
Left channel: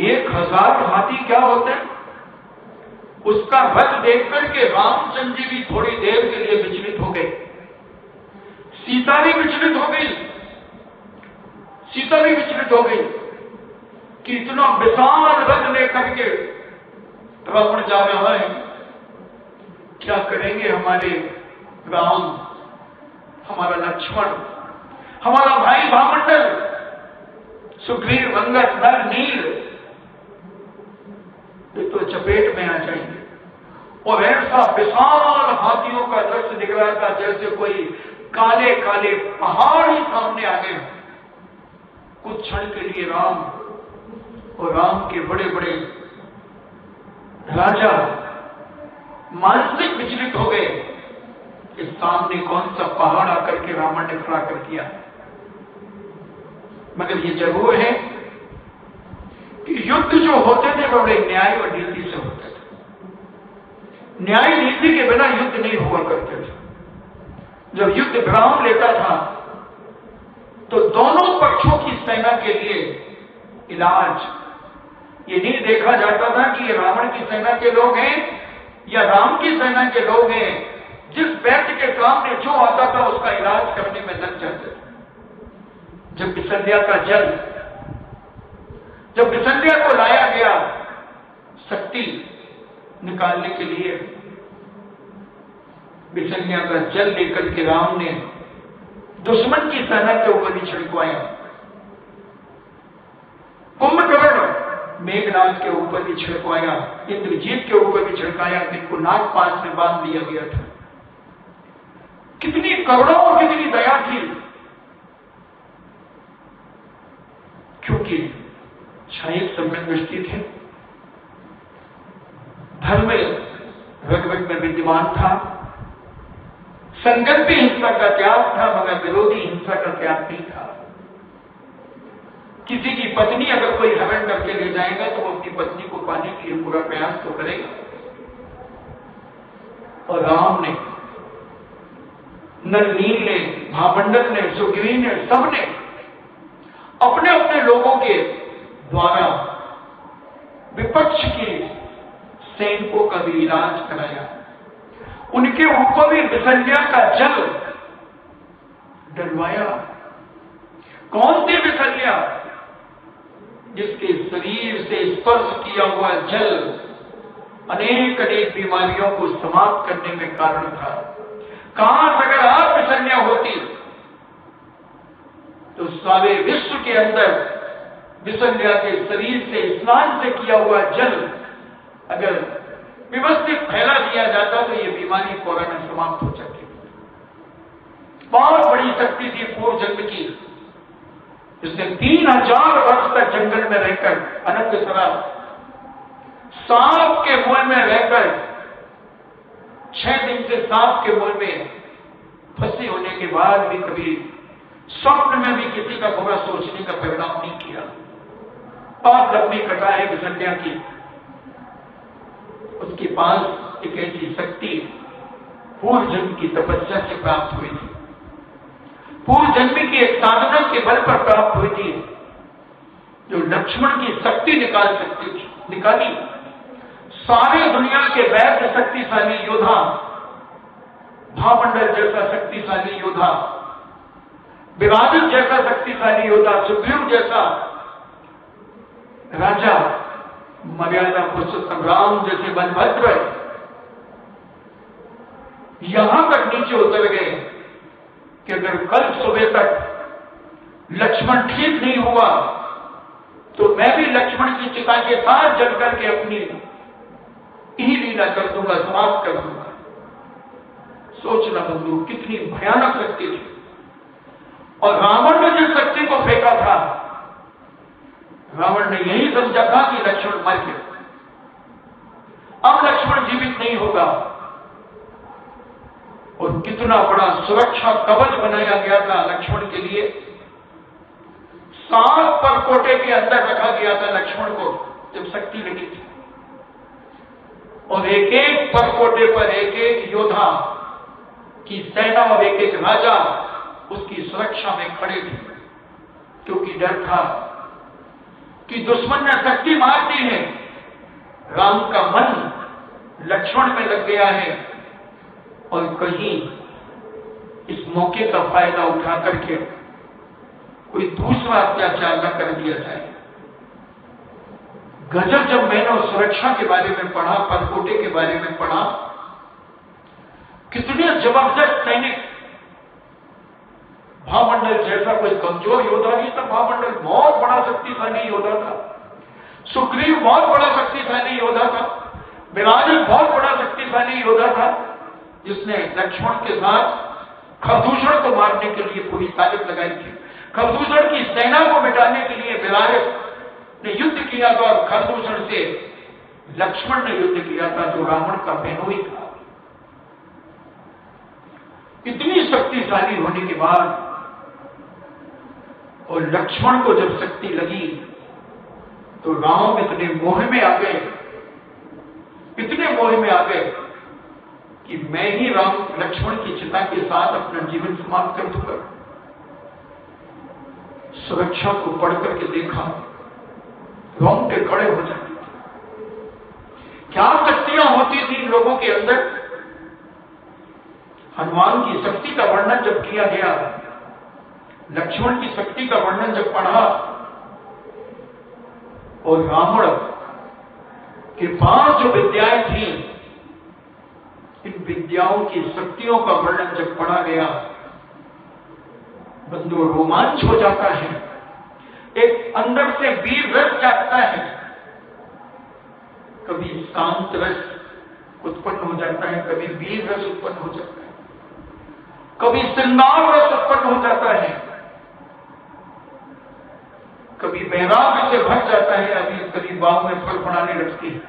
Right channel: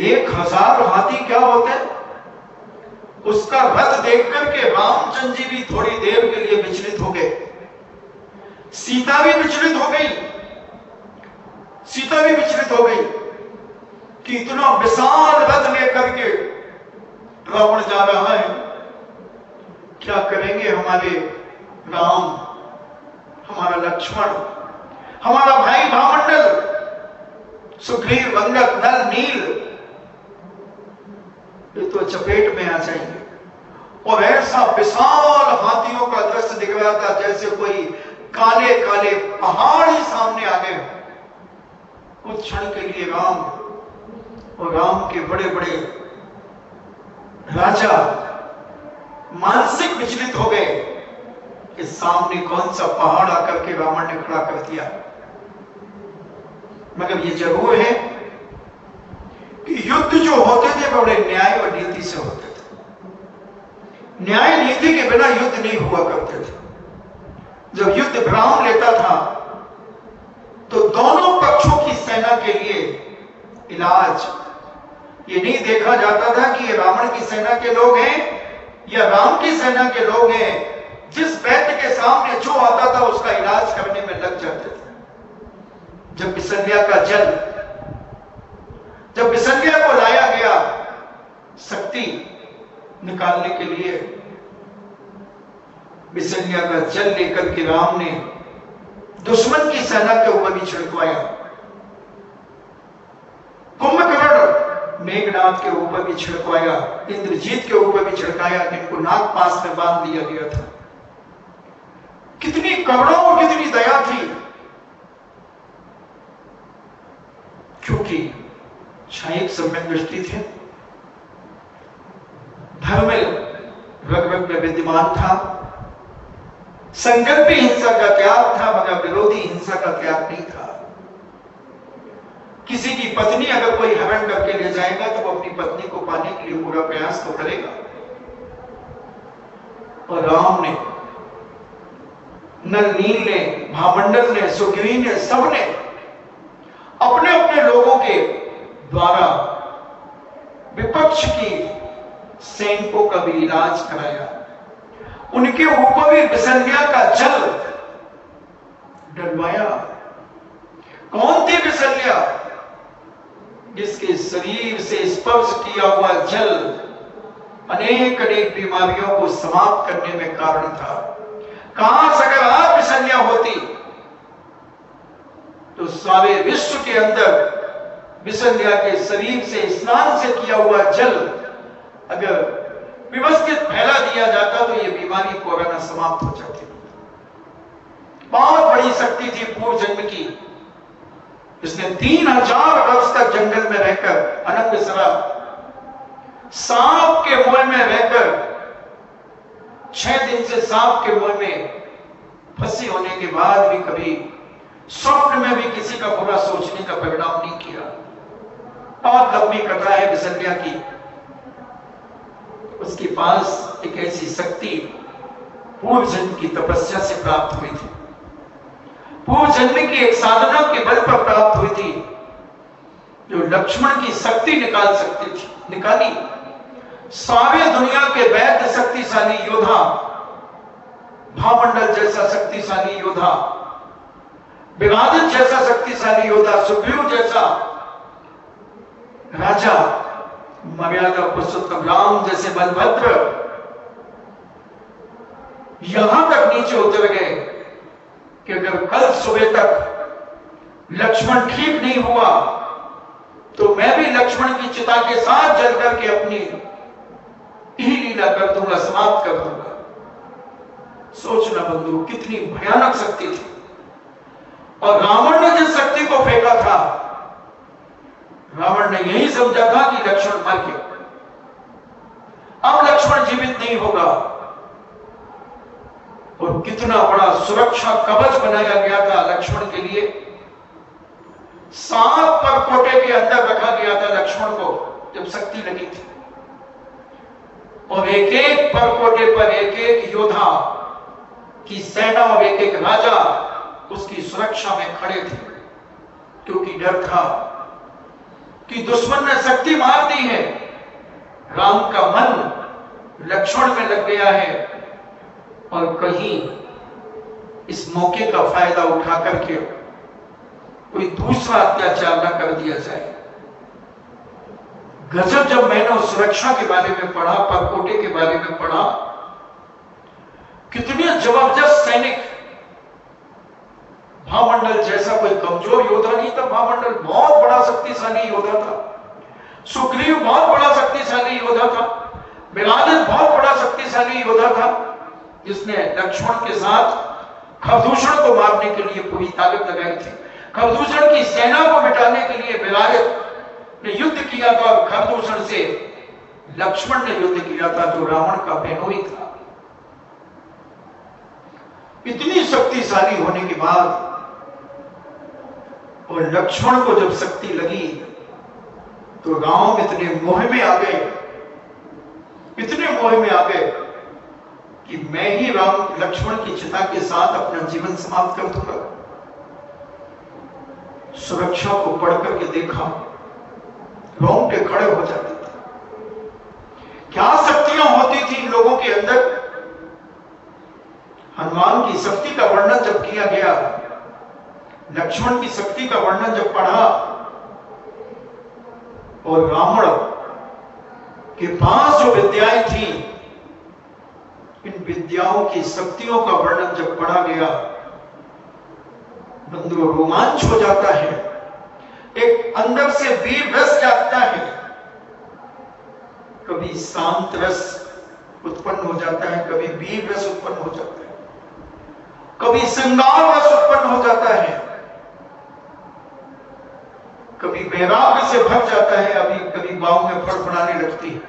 1000 हाथी क्या होते हैं, उसका रथ देख करके रामचंद्र जी भी थोड़ी देर के लिए विचलित हो गए, सीता भी विचलित हो गई, सीता भी विचलित हो गई कि इतना विशाल रथ लेकर के रावण जा रहा है, क्या करेंगे हमारे राम, हमारा लक्ष्मण, हमारा भाई भामंडल, सुग्रीव, अंगद, नल, नील, ये तो चपेट में आ जाएंगे। और ऐसा विशाल हाथियों का दृश्य दिख रहा था जैसे कोई काले काले पहाड़ ही सामने आ गए। कुछ क्षण के लिए राम और राम के बड़े बड़े राजा मानसिक विचलित हो गए कि सामने कौन सा पहाड़ आकर के रावण ने खड़ा कर दिया। मगर ये जरूर है कि युद्ध जो होते थे बड़े न्याय और नीति से होते थे। न्याय नीति के बिना युद्ध नहीं हुआ करते थे। जब युद्ध विराम लेता था तो दोनों पक्षों की सेना के लिए इलाज, ये नहीं देखा जाता था कि ये रावण की सेना के लोग हैं या राम की सेना के लोग हैं। जिस व्यक्ति के सामने जो आता था उसका इलाज करने में लग जाते थे। जब बिसलिया को लाया गया शक्ति निकालने के लिए, बिसलिया का जल लेकर के राम ने दुश्मन की सेना के ऊपर भी छिड़कवाया। कुंभकर्ण मेघनाथ के ऊपर भी छिड़कवाया, इंद्रजीत के ऊपर भी छिड़काया, इनको नागपाश में बांध दिया गया था। कितनी करुणा और कितनी दया थी, क्योंकि क्षणिक सम्यक दृष्टि थे, धर्म रग रग में विद्यमान था, संकल्पी हिंसा का त्याग था मगर विरोधी हिंसा का त्याग नहीं था। किसी की पत्नी अगर कोई हरण करके ले जाएगा तो वो अपनी पत्नी को पाने के लिए पूरा प्रयास तो करेगा। और राम ने, नल नील ने, महामंडल ने, सुग्रीव ने, सबने अपने अपने लोगों के द्वारा विपक्ष की सैनिकों का भी इलाज कराया। उनके ऊपर भी विसंध्या का जल डलवाया। कौन थी विसंध्या? जिसके शरीर से स्पर्श किया हुआ जल अनेक अनेक बीमारियों को समाप्त करने में कारण था। काश अगर आप विसंध्या होती तो सारे विश्व के अंदर विसंध्या के शरीर से स्नान से किया हुआ जल अगर व्यवस्थित फैला दिया जाता तो ये बीमारी कोरोना समाप्त हो जाती। बहुत बड़ी शक्ति थी पूर्व जन्म की। इसने 3000 वर्ष तक जंगल में रहकर अनंग सरा सांप के मुंह में रहकर 6 दिन से सांप के मुंह में फंसी होने के बाद भी कभी स्वप्न में भी किसी का बुरा सोचने का परिणाम नहीं किया। बहुत लंबी कथा है विसंध्या की। उसके पास एक ऐसी शक्ति पूर्व जन्म की तपस्या से प्राप्त हुई थी, पूर्व जन्म की एक साधना के बल पर प्राप्त हुई थी, जो लक्ष्मण की शक्ति निकाल सकती थी। निकाली। सारे दुनिया के वैद्य शक्तिशाली योद्धा, भामंडल जैसा शक्तिशाली योद्धा, विवादित जैसा शक्तिशाली योद्धा, सुग्रीव जैसा राजा, मर्यादा पुरुषोत्तम राम जैसे बलभद्र, यहां तक नीचे उतर गए कि अगर कल सुबह तक लक्ष्मण ठीक नहीं हुआ तो मैं भी लक्ष्मण की चिता के साथ जल करके अपनी ही लीला कर दूंगा, समाप्त कर दूंगा। सोचना बंधु कितनी भयानक शक्ति थी। और रावण ने जिस शक्ति को फेंका था, रावण ने यही समझा था कि लक्ष्मण मर गया, अब लक्ष्मण जीवित नहीं होगा। और कितना बड़ा सुरक्षा कवच बनाया गया था लक्ष्मण के लिए। 7 परकोटे के अंदर रखा गया था लक्ष्मण को जब शक्ति लगी थी। और एक एक परकोटे पर एक एक योद्धा की सेना और एक एक राजा उसकी सुरक्षा में खड़े थे, क्योंकि डर था कि दुश्मन ने शक्ति मार दी है, राम का मन लक्ष्मण में लग गया है और कहीं इस मौके का फायदा उठा करके कोई दूसरा अत्याचार न कर दिया जाए। गजब जब मैंने उस सुरक्षा के बारे में पढ़ा, परकोटे के बारे में पढ़ा, कितने जबरदस्त सैनिक। भामंडल जैसा कोई कमजोर योद्धा नहीं था, भामंडल बहुत बड़ा शक्तिशाली योद्धा था, सुग्रीव बहुत बड़ा शक्तिशाली योद्धा था, विराजित बहुत बड़ा शक्तिशाली योद्धा था, जिसने लक्ष्मण के साथ खरदूषण को मारने के लिए पूरी ताकत लगाई थी। खरदूषण की सेना को मिटाने के लिए विराजित ने युद्ध किया था और खरदूषण से लक्ष्मण ने युद्ध किया था, जो रावण का बेनोई था। इतनी शक्तिशाली होने के बाद और लक्ष्मण को जब शक्ति लगी तो राम इतने मोह में आ गए, इतने मोह में आ गए कि मैं ही राम लक्ष्मण की चिता के साथ अपना जीवन समाप्त कर दूंगा। सुरक्षा को पढ़ करके देखा, रोंगटे खड़े हो जाते थे। क्या शक्तियां होती थी लोगों के अंदर। हनुमान की शक्ति का वर्णन जब किया गया, लक्ष्मण की शक्ति का वर्णन जब पढ़ा, और रावण के पास जो विद्याएं थी, इन विद्याओं की शक्तियों का वर्णन जब पढ़ा गया, बंधु रोमांच हो जाता है। एक अंदर से वीर रस जागता है। कभी शांत रस उत्पन्न हो जाता है, कभी वीर रस उत्पन्न हो जाता है, कभी श्रृंगार रस उत्पन्न हो जाता है, कभी वैराग्य से भर जाता है, अभी कभी बाहों में फड़फड़ाने लगती है।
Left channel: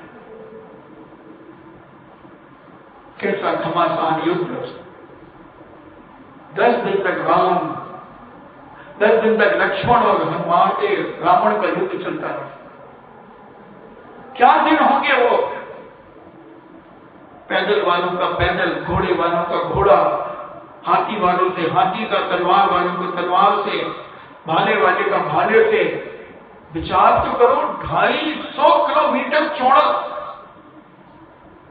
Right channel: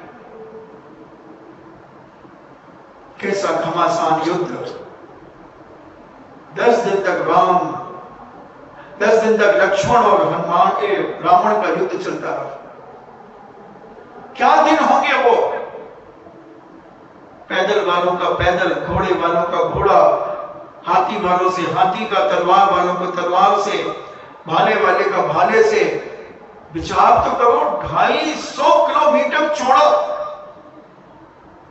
कैसा घमासान युद्ध! 10 दिन तक राम, 10 दिन तक लक्ष्मण और हनुमान के रावण का युद्ध चलता रहा। क्या दिन होंगे वो! पैदल वालों का पैदल, घोड़े वालों का घोड़ा, हाथी वालों से हाथी का, तलवार वालों को तलवार से, भाले वाले का भाले से। विचार तो करो, 250 किलोमीटर चौड़ा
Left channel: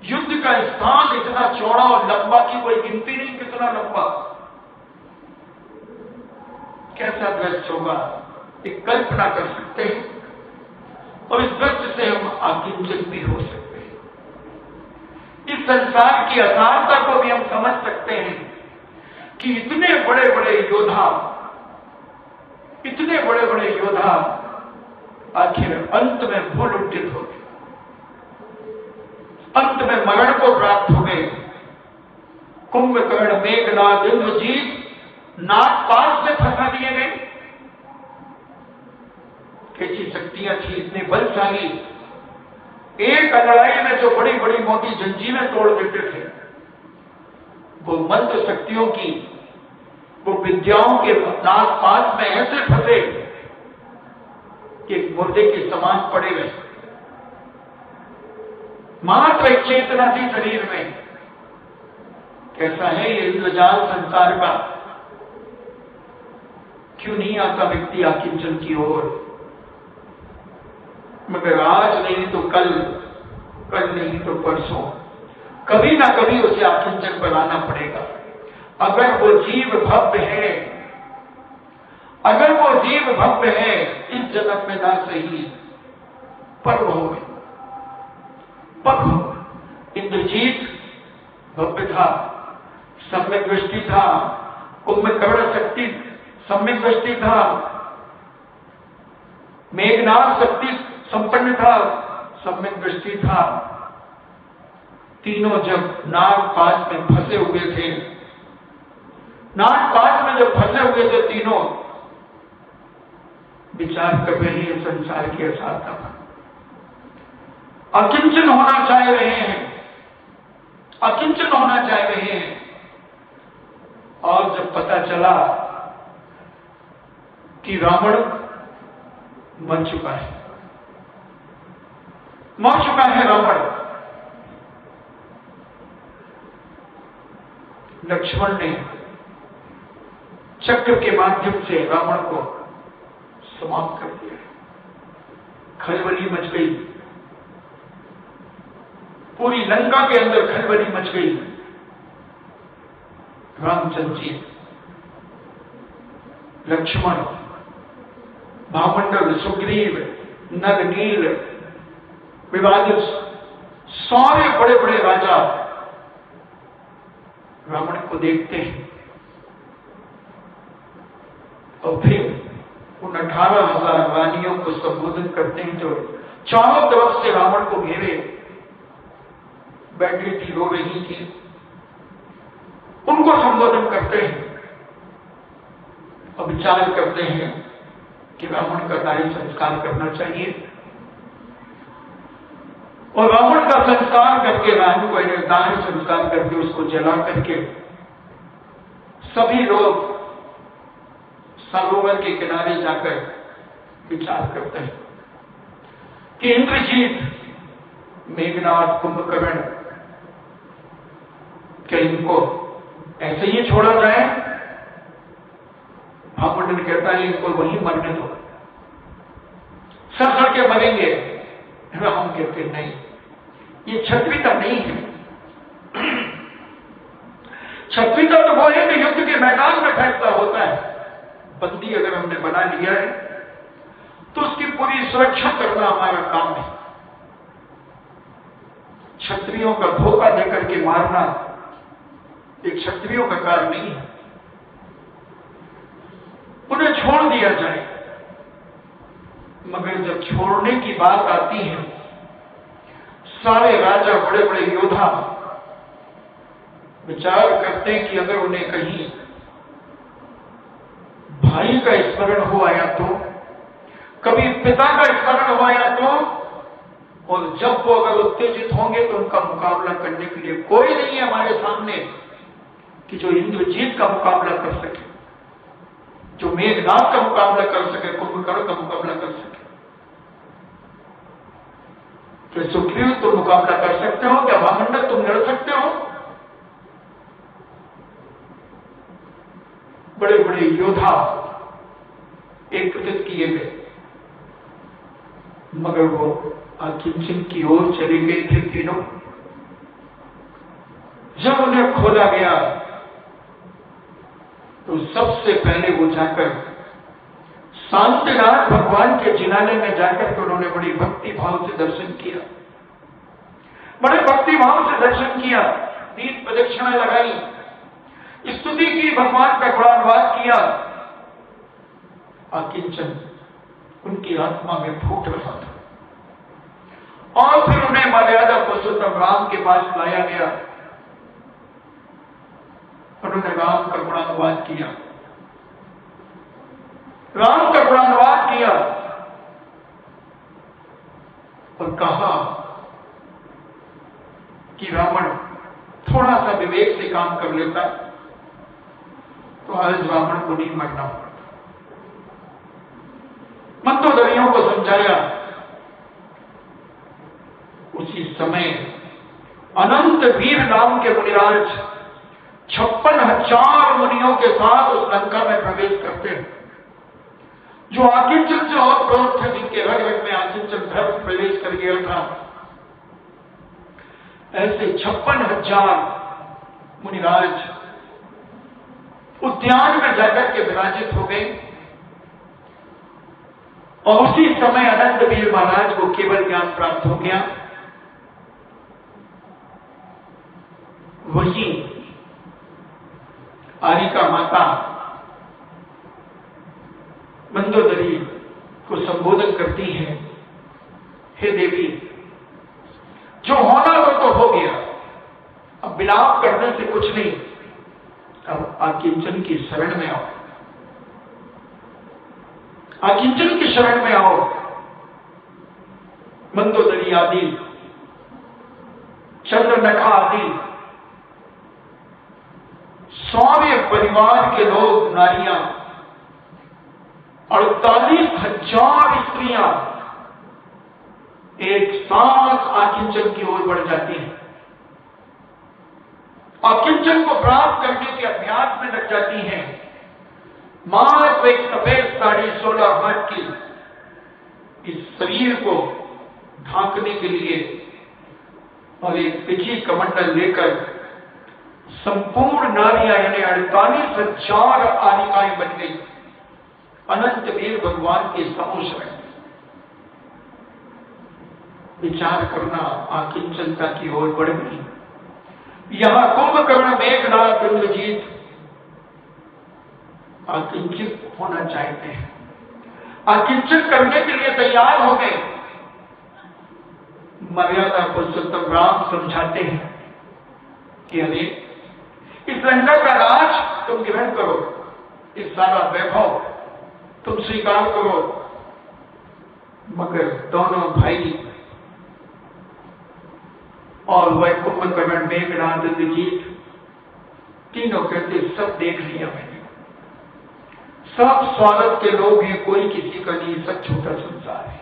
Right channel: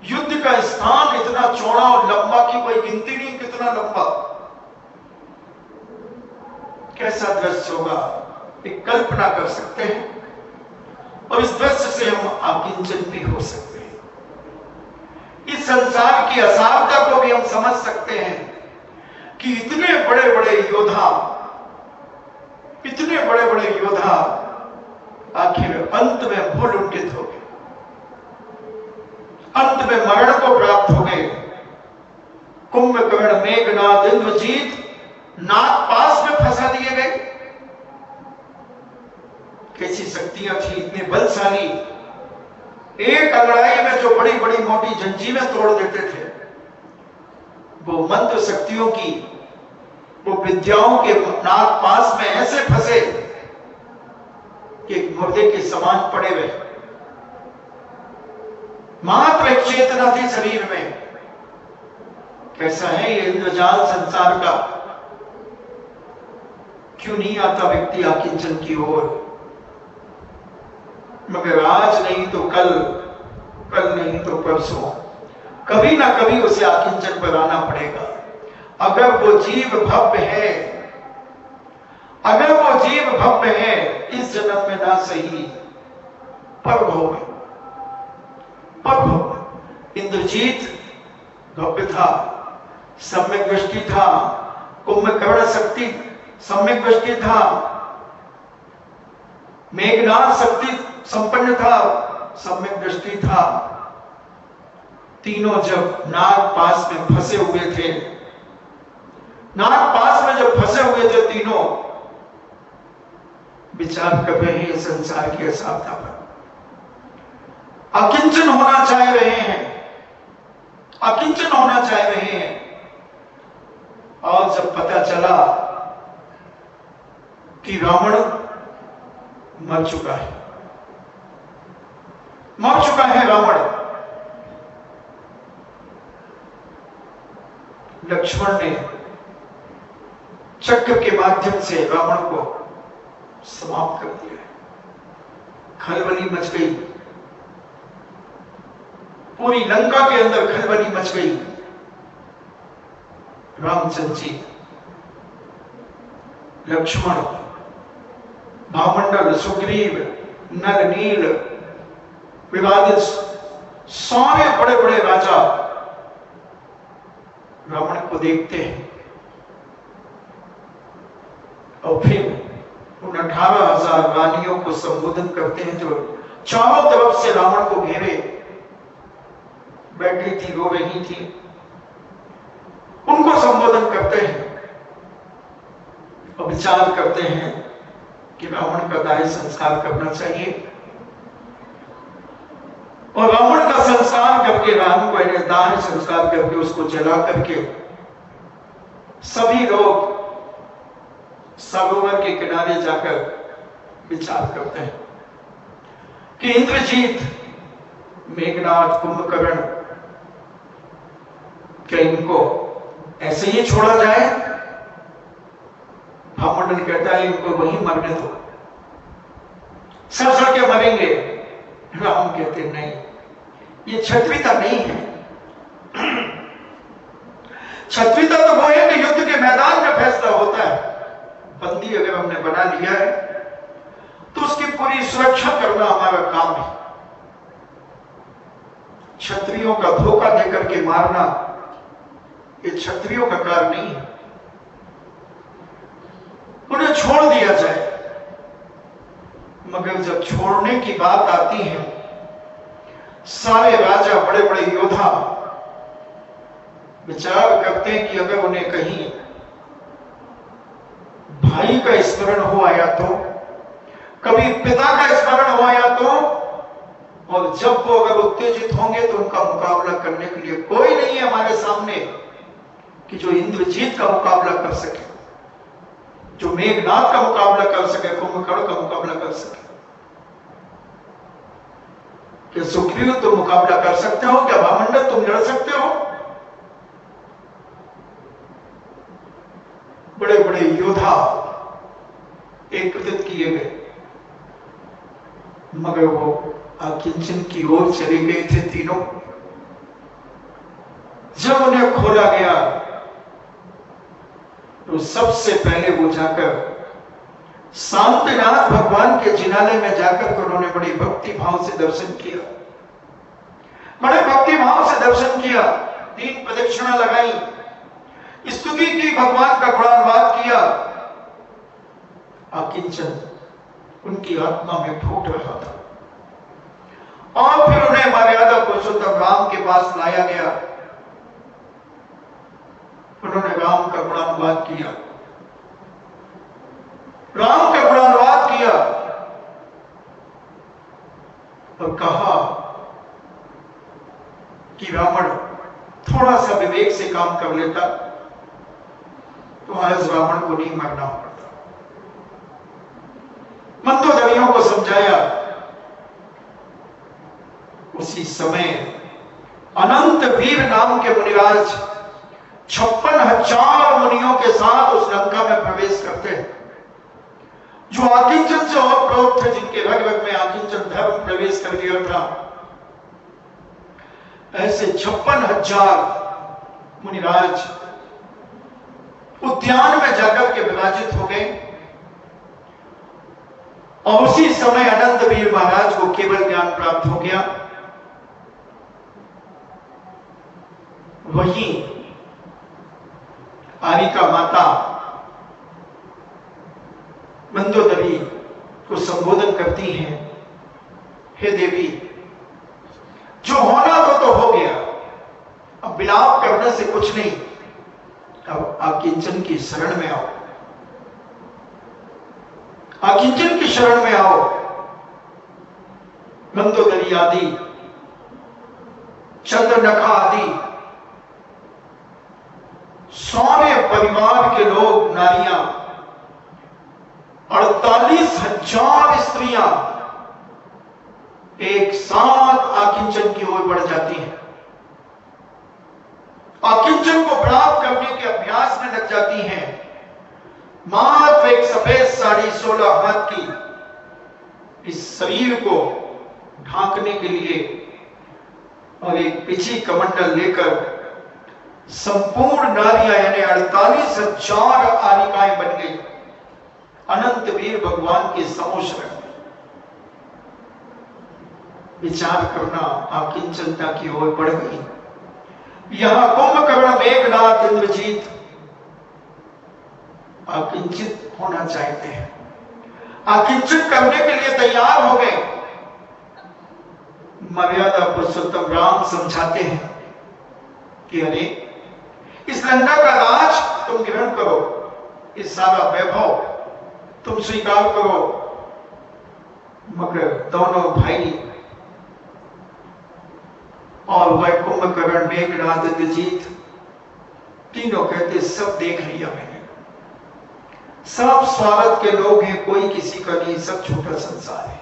युद्ध का स्थान, इतना चौड़ा और लंबा की कोई गिनती नहीं, कितना लंबा। कैसा दृश्य होगा, एक कल्पना कर सकते हैं। और इस दृश्य से हम आकिंचन भी हो सकते हैं। इस संसार की असारता को भी हम समझ सकते हैं कि इतने बड़े बड़े योद्धा, इतने बड़े बड़े योद्धा आखिर अंत में भूल उल्टित हो गए, अंत में मरण को प्राप्त हो गए। कुंभकर्ण, मेघनाद, इंद्रजीत नागपाश में फंसा दिए गए। कैसी शक्तियां थी, इतने बलशाली, एक अंगड़ाई में जो बड़ी बड़ी मोटी जंजीरें तोड़ देते थे, वो मंत्र शक्तियों की, वो विद्याओं के नागपाश में ऐसे फंसे कि एक मुर्दे के समान पड़े रहे। मात्र एक चेतना थी शरीर में। कैसा है ये इंद्रजाल संसार का! क्यों नहीं आता व्यक्ति आकिंचन की ओर? मगर आज नहीं तो कल, कल नहीं तो परसों, कभी ना कभी उसे आकिंचन पर आना पड़ेगा। अगर वो जीव भव्य है, अगर वो जीव भव्य है, इस जन्म में ना सही पर होगा, पर होगा। इंद्रजीत भव्य था, सम्यक दृष्टि था, कुंभकर्ण शक्ति सम्यक दृष्टि था, मेघनाद शक्ति संपन्न था, सम्यक दृष्टि था। तीनों जब नागपाश में फंसे हुए थे, नागपाश में जब फंसे हुए थे तीनों, विचार कर रहे हैं संसार की असारता पर, अकिंचन होना चाह रहे हैं, अकिंचन होना चाह रहे हैं। और जब पता चला कि रावण मर चुका है, मर चुका है रावण, लक्ष्मण ने चक्र के माध्यम से रावण को समाप्त कर दिया। खलबली मच गई, पूरी लंका के अंदर खलबली मच गई। रामचंद्र जी, लक्ष्मण, भामंडल, सुग्रीव, नल, नील, विवादित सारे बड़े बड़े राजा रावण को देखते हैं और फिर उन 18,000 रानियों को संबोधन करते हैं जो चारों तरफ से रावण को घेरे बैठी थी, रो रही थी। उनको संबोधन करते हैं और विचार करते हैं कि रावण का दाह संस्कार करना चाहिए। और रावण का संस्कार करके, रावण को दाह संस्कार करके, उसको जला करके सभी लोग सरोवर के किनारे जाकर विचार करते हैं कि इंद्रजीत, मेघनाद, कुंभकर्ण, क्या इनको ऐसे ही छोड़ा जाए? भामंडल कहता है इनको वहीं मरने दो, सब सड़ के मरेंगे। राम कहते नहीं, ये क्षत्रियता नहीं है। क्षत्रियता तो वो है कि युद्ध के मैदान में फैसला होता है। बंदी अगर हमने बना लिया है तो उसकी पूरी सुरक्षा करना हमारा काम है। क्षत्रियों का धोखा देकर के मारना ये क्षत्रियों का कार्य नहीं है। उन्हें छोड़ दिया जाए। मगर जब छोड़ने की बात आती है, सारे राजा, बड़े बड़े योद्धा विचार करते हैं कि अगर उन्हें कहीं भाई का स्मरण हो आया तो, कभी पिता का स्मरण हो आया तो, और जब वो अगर उत्तेजित होंगे तो उनका मुकाबला करने के लिए कोई नहीं है हमारे सामने कि जो इंद्रजीत का मुकाबला कर सके, जो मेघनाद का मुकाबला कर सके, कुंभकर्ण का मुकाबला कर सके। क्या सुग्रीव तुम मुकाबला कर सकते हो? क्या वामंडल तुम लड़ सकते हो? बड़े बड़े योद्धा एकत्रित किए गए, मगर वो अकिंचन की ओर चले गए थे तीनों। जब उन्हें खोला गया तो सबसे पहले वो जाकर शांतिनाथ भगवान के जिनालय में जाकर के उन्होंने बड़ी भक्ति भाव से दर्शन किया, बड़े भक्ति भाव से दर्शन किया, 3 प्रदक्षिणा लगाई, स्तुति की, भगवान का गुणानुवाद किया। अकिंचन उनकी आत्मा में फूट रहा था और फिर उन्हें मर्यादा पुरुषोत्तम राम के पास लाया गया। उन्होंने राम का गुणानुवाद किया, राम का गुणानुवाद किया और कहा कि रावण थोड़ा सा विवेक से काम कर लेता तो आज रावण को नहीं मरना पड़ता। मंदोदरियों को समझाया। उसी समय अनंत वीर नाम के मुनिराज 56,000 मुनियों के साथ उस लंका में प्रवेश करते हैं। जो आकिंचन से और क्रोध थे, जिनके रग रग में आकिंचन धर्म प्रवेश कर गया था, ऐसे 56,000 मुनिराज उद्यान में जाकर के विराजित हो गए। और उसी समय अनंत वीर महाराज को केवल ज्ञान प्राप्त हो गया। वहीं आरिका माता मंदोदरी को संबोधन करती हैं, हे देवी, जो होना तो हो गया, अब विलाप करने से कुछ नहीं, अब अकिंचन की शरण में आओ, अकिंचन की शरण में आओ। मंदोदरी आदि, चंद्रनखा आदि सौर्य परिवार के लोग, नारियां, 48,000 स्त्रियां एक साथ आकिंचन की ओर बढ़ जाती हैं, आकिंचन को प्राप्त करने के अभ्यास में लग जाती हैं। मात्र एक सफेद साड़ी 16 हाथ की इस शरीर को ढांकने के लिए और एक पिछी कमंडल लेकर संपूर्ण नारियां यानी 48,000 आनिकाएं बन गई। अनंत वीर भगवान के समोशरण विचार करना, आकिंचनता की ओर बढ़ गई। यहां कुंभकर्ण, मेघनाद, इंद्रजीत आकिंचित होना चाहते हैं, आकिंचित करने के लिए तैयार हो गए। मर्यादा पुरुषोत्तम राम समझाते हैं कि अरे, इस लंका का राज तुम ग्रहण करो, इस सारा वैभव तुम स्वीकार करो, मगर दोनों भाई और वह कुंभकर्ण, मेघनाद, इंद्रजीत तीनों कहते सब देख लिया मैंने, सब स्वार्थ के लोग हैं, कोई किसी का नहीं, सब छोटा संसार है।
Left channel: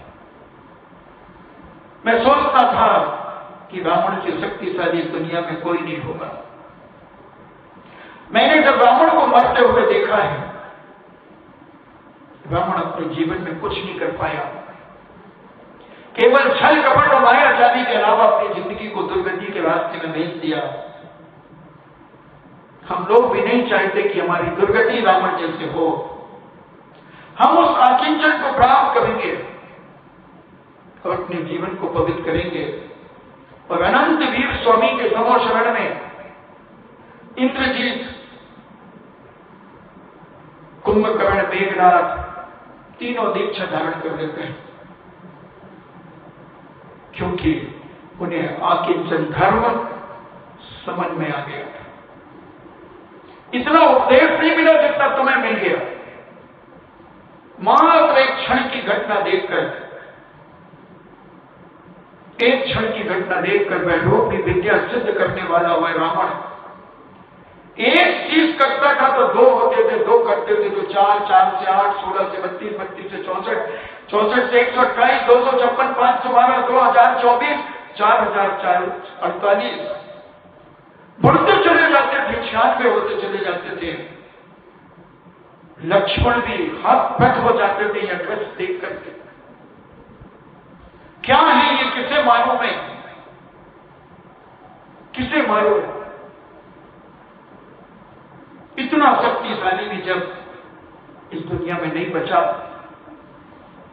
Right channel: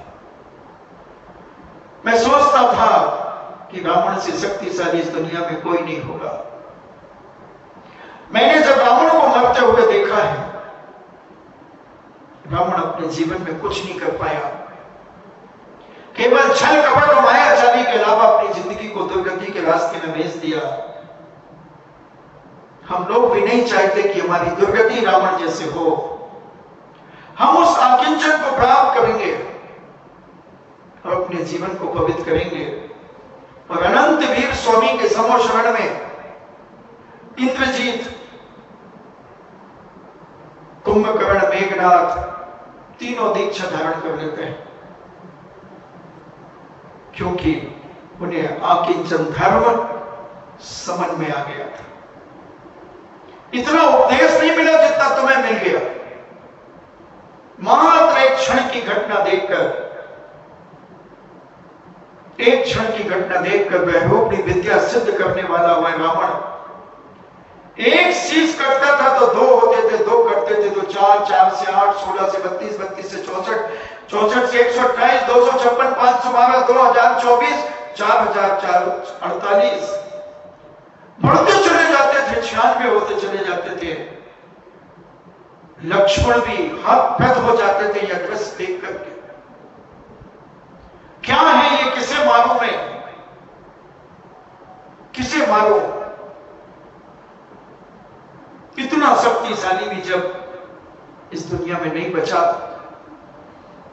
मैं सोचता था कि रावण से शक्तिशाली इस दुनिया में कोई नहीं होगा। मैंने जब रावण को मरते हुए देखा है, रावण अपने जीवन में कुछ नहीं कर पाया, केवल छल कपट और माया चाली के अलावा अपनी जिंदगी को दुर्गति के रास्ते में भेज दिया। हम लोग भी नहीं चाहते कि हमारी दुर्गति रावण जैसे हो। हम उस आकिंचन को प्राप्त करेंगे और अपने जीवन को पवित्र करेंगे और अनंत वीर स्वामी के समोशरण में इंद्रजीत, कुंभकर्ण, मेघनाद तीनों दीक्षा धारण कर लेते हैं, क्योंकि उन्हें आकिंचन धर्म समझ में आ गया था। इतना उपदेश नहीं मिला जितना तुम्हें मिल गया। मात्र एक क्षण की घटना देखकर वैरूपी विद्या सिद्ध करने वाला वह रावण एक चीज करता था तो दो होते थे, दो करते थे तो चार, 4 से 8, 16 से 32, 32 से 64, 64 से 128, 256, 512, 2024, 4048 बढ़ते चले जाते थे, 96 होते चले जाते थे। लक्ष्मण भी हाथ हो जाते थे यह दृश्य देख करके। क्या है ये, किसे मारूं मैं, किसे मारूं? इतना शक्तिशाली भी जब इस दुनिया में नहीं बचा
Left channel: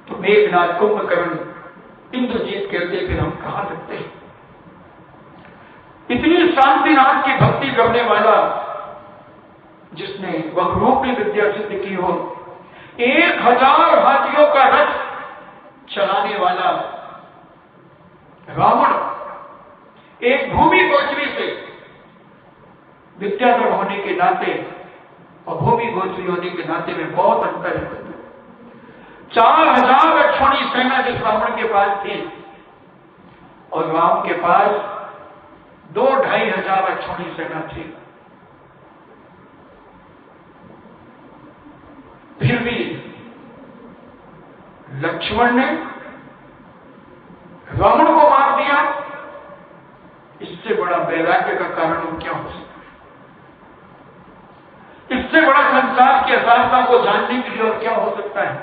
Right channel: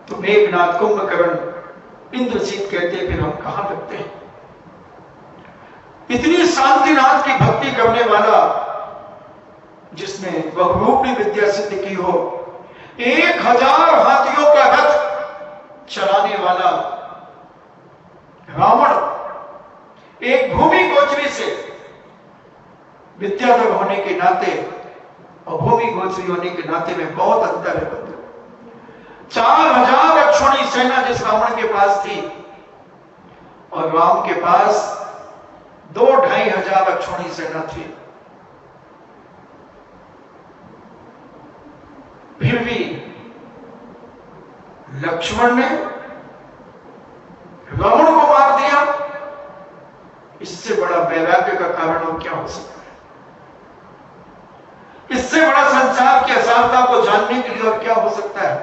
तो मेघनाथ, कुंभकर्ण, इंद्रजीत कहते फिर हम कहां लगते हैं? इतनी शांतिनाथ की भक्ति करने वाला, जिसने बहुरूपी विद्या सिद्ध की हो, 1000 हाथियों का रथ चलाने वाला रावण, एक भूमि गोचरी से विद्याधर होने के नाते और भूमि गोचरी होने के नाते में बहुत अंतर है। 4000 अक्षौणी सेना जिस रावण के पास थी और राम के पास 2-2,500 अक्षौणी सेना थी। फिर भी लक्ष्मण ने रावण को मार दिया। इससे बड़ा वैराग्य का कारण और क्या हो सकता है? इससे बड़ा संसार की असारता को जानने के लिए और क्या हो सकता है?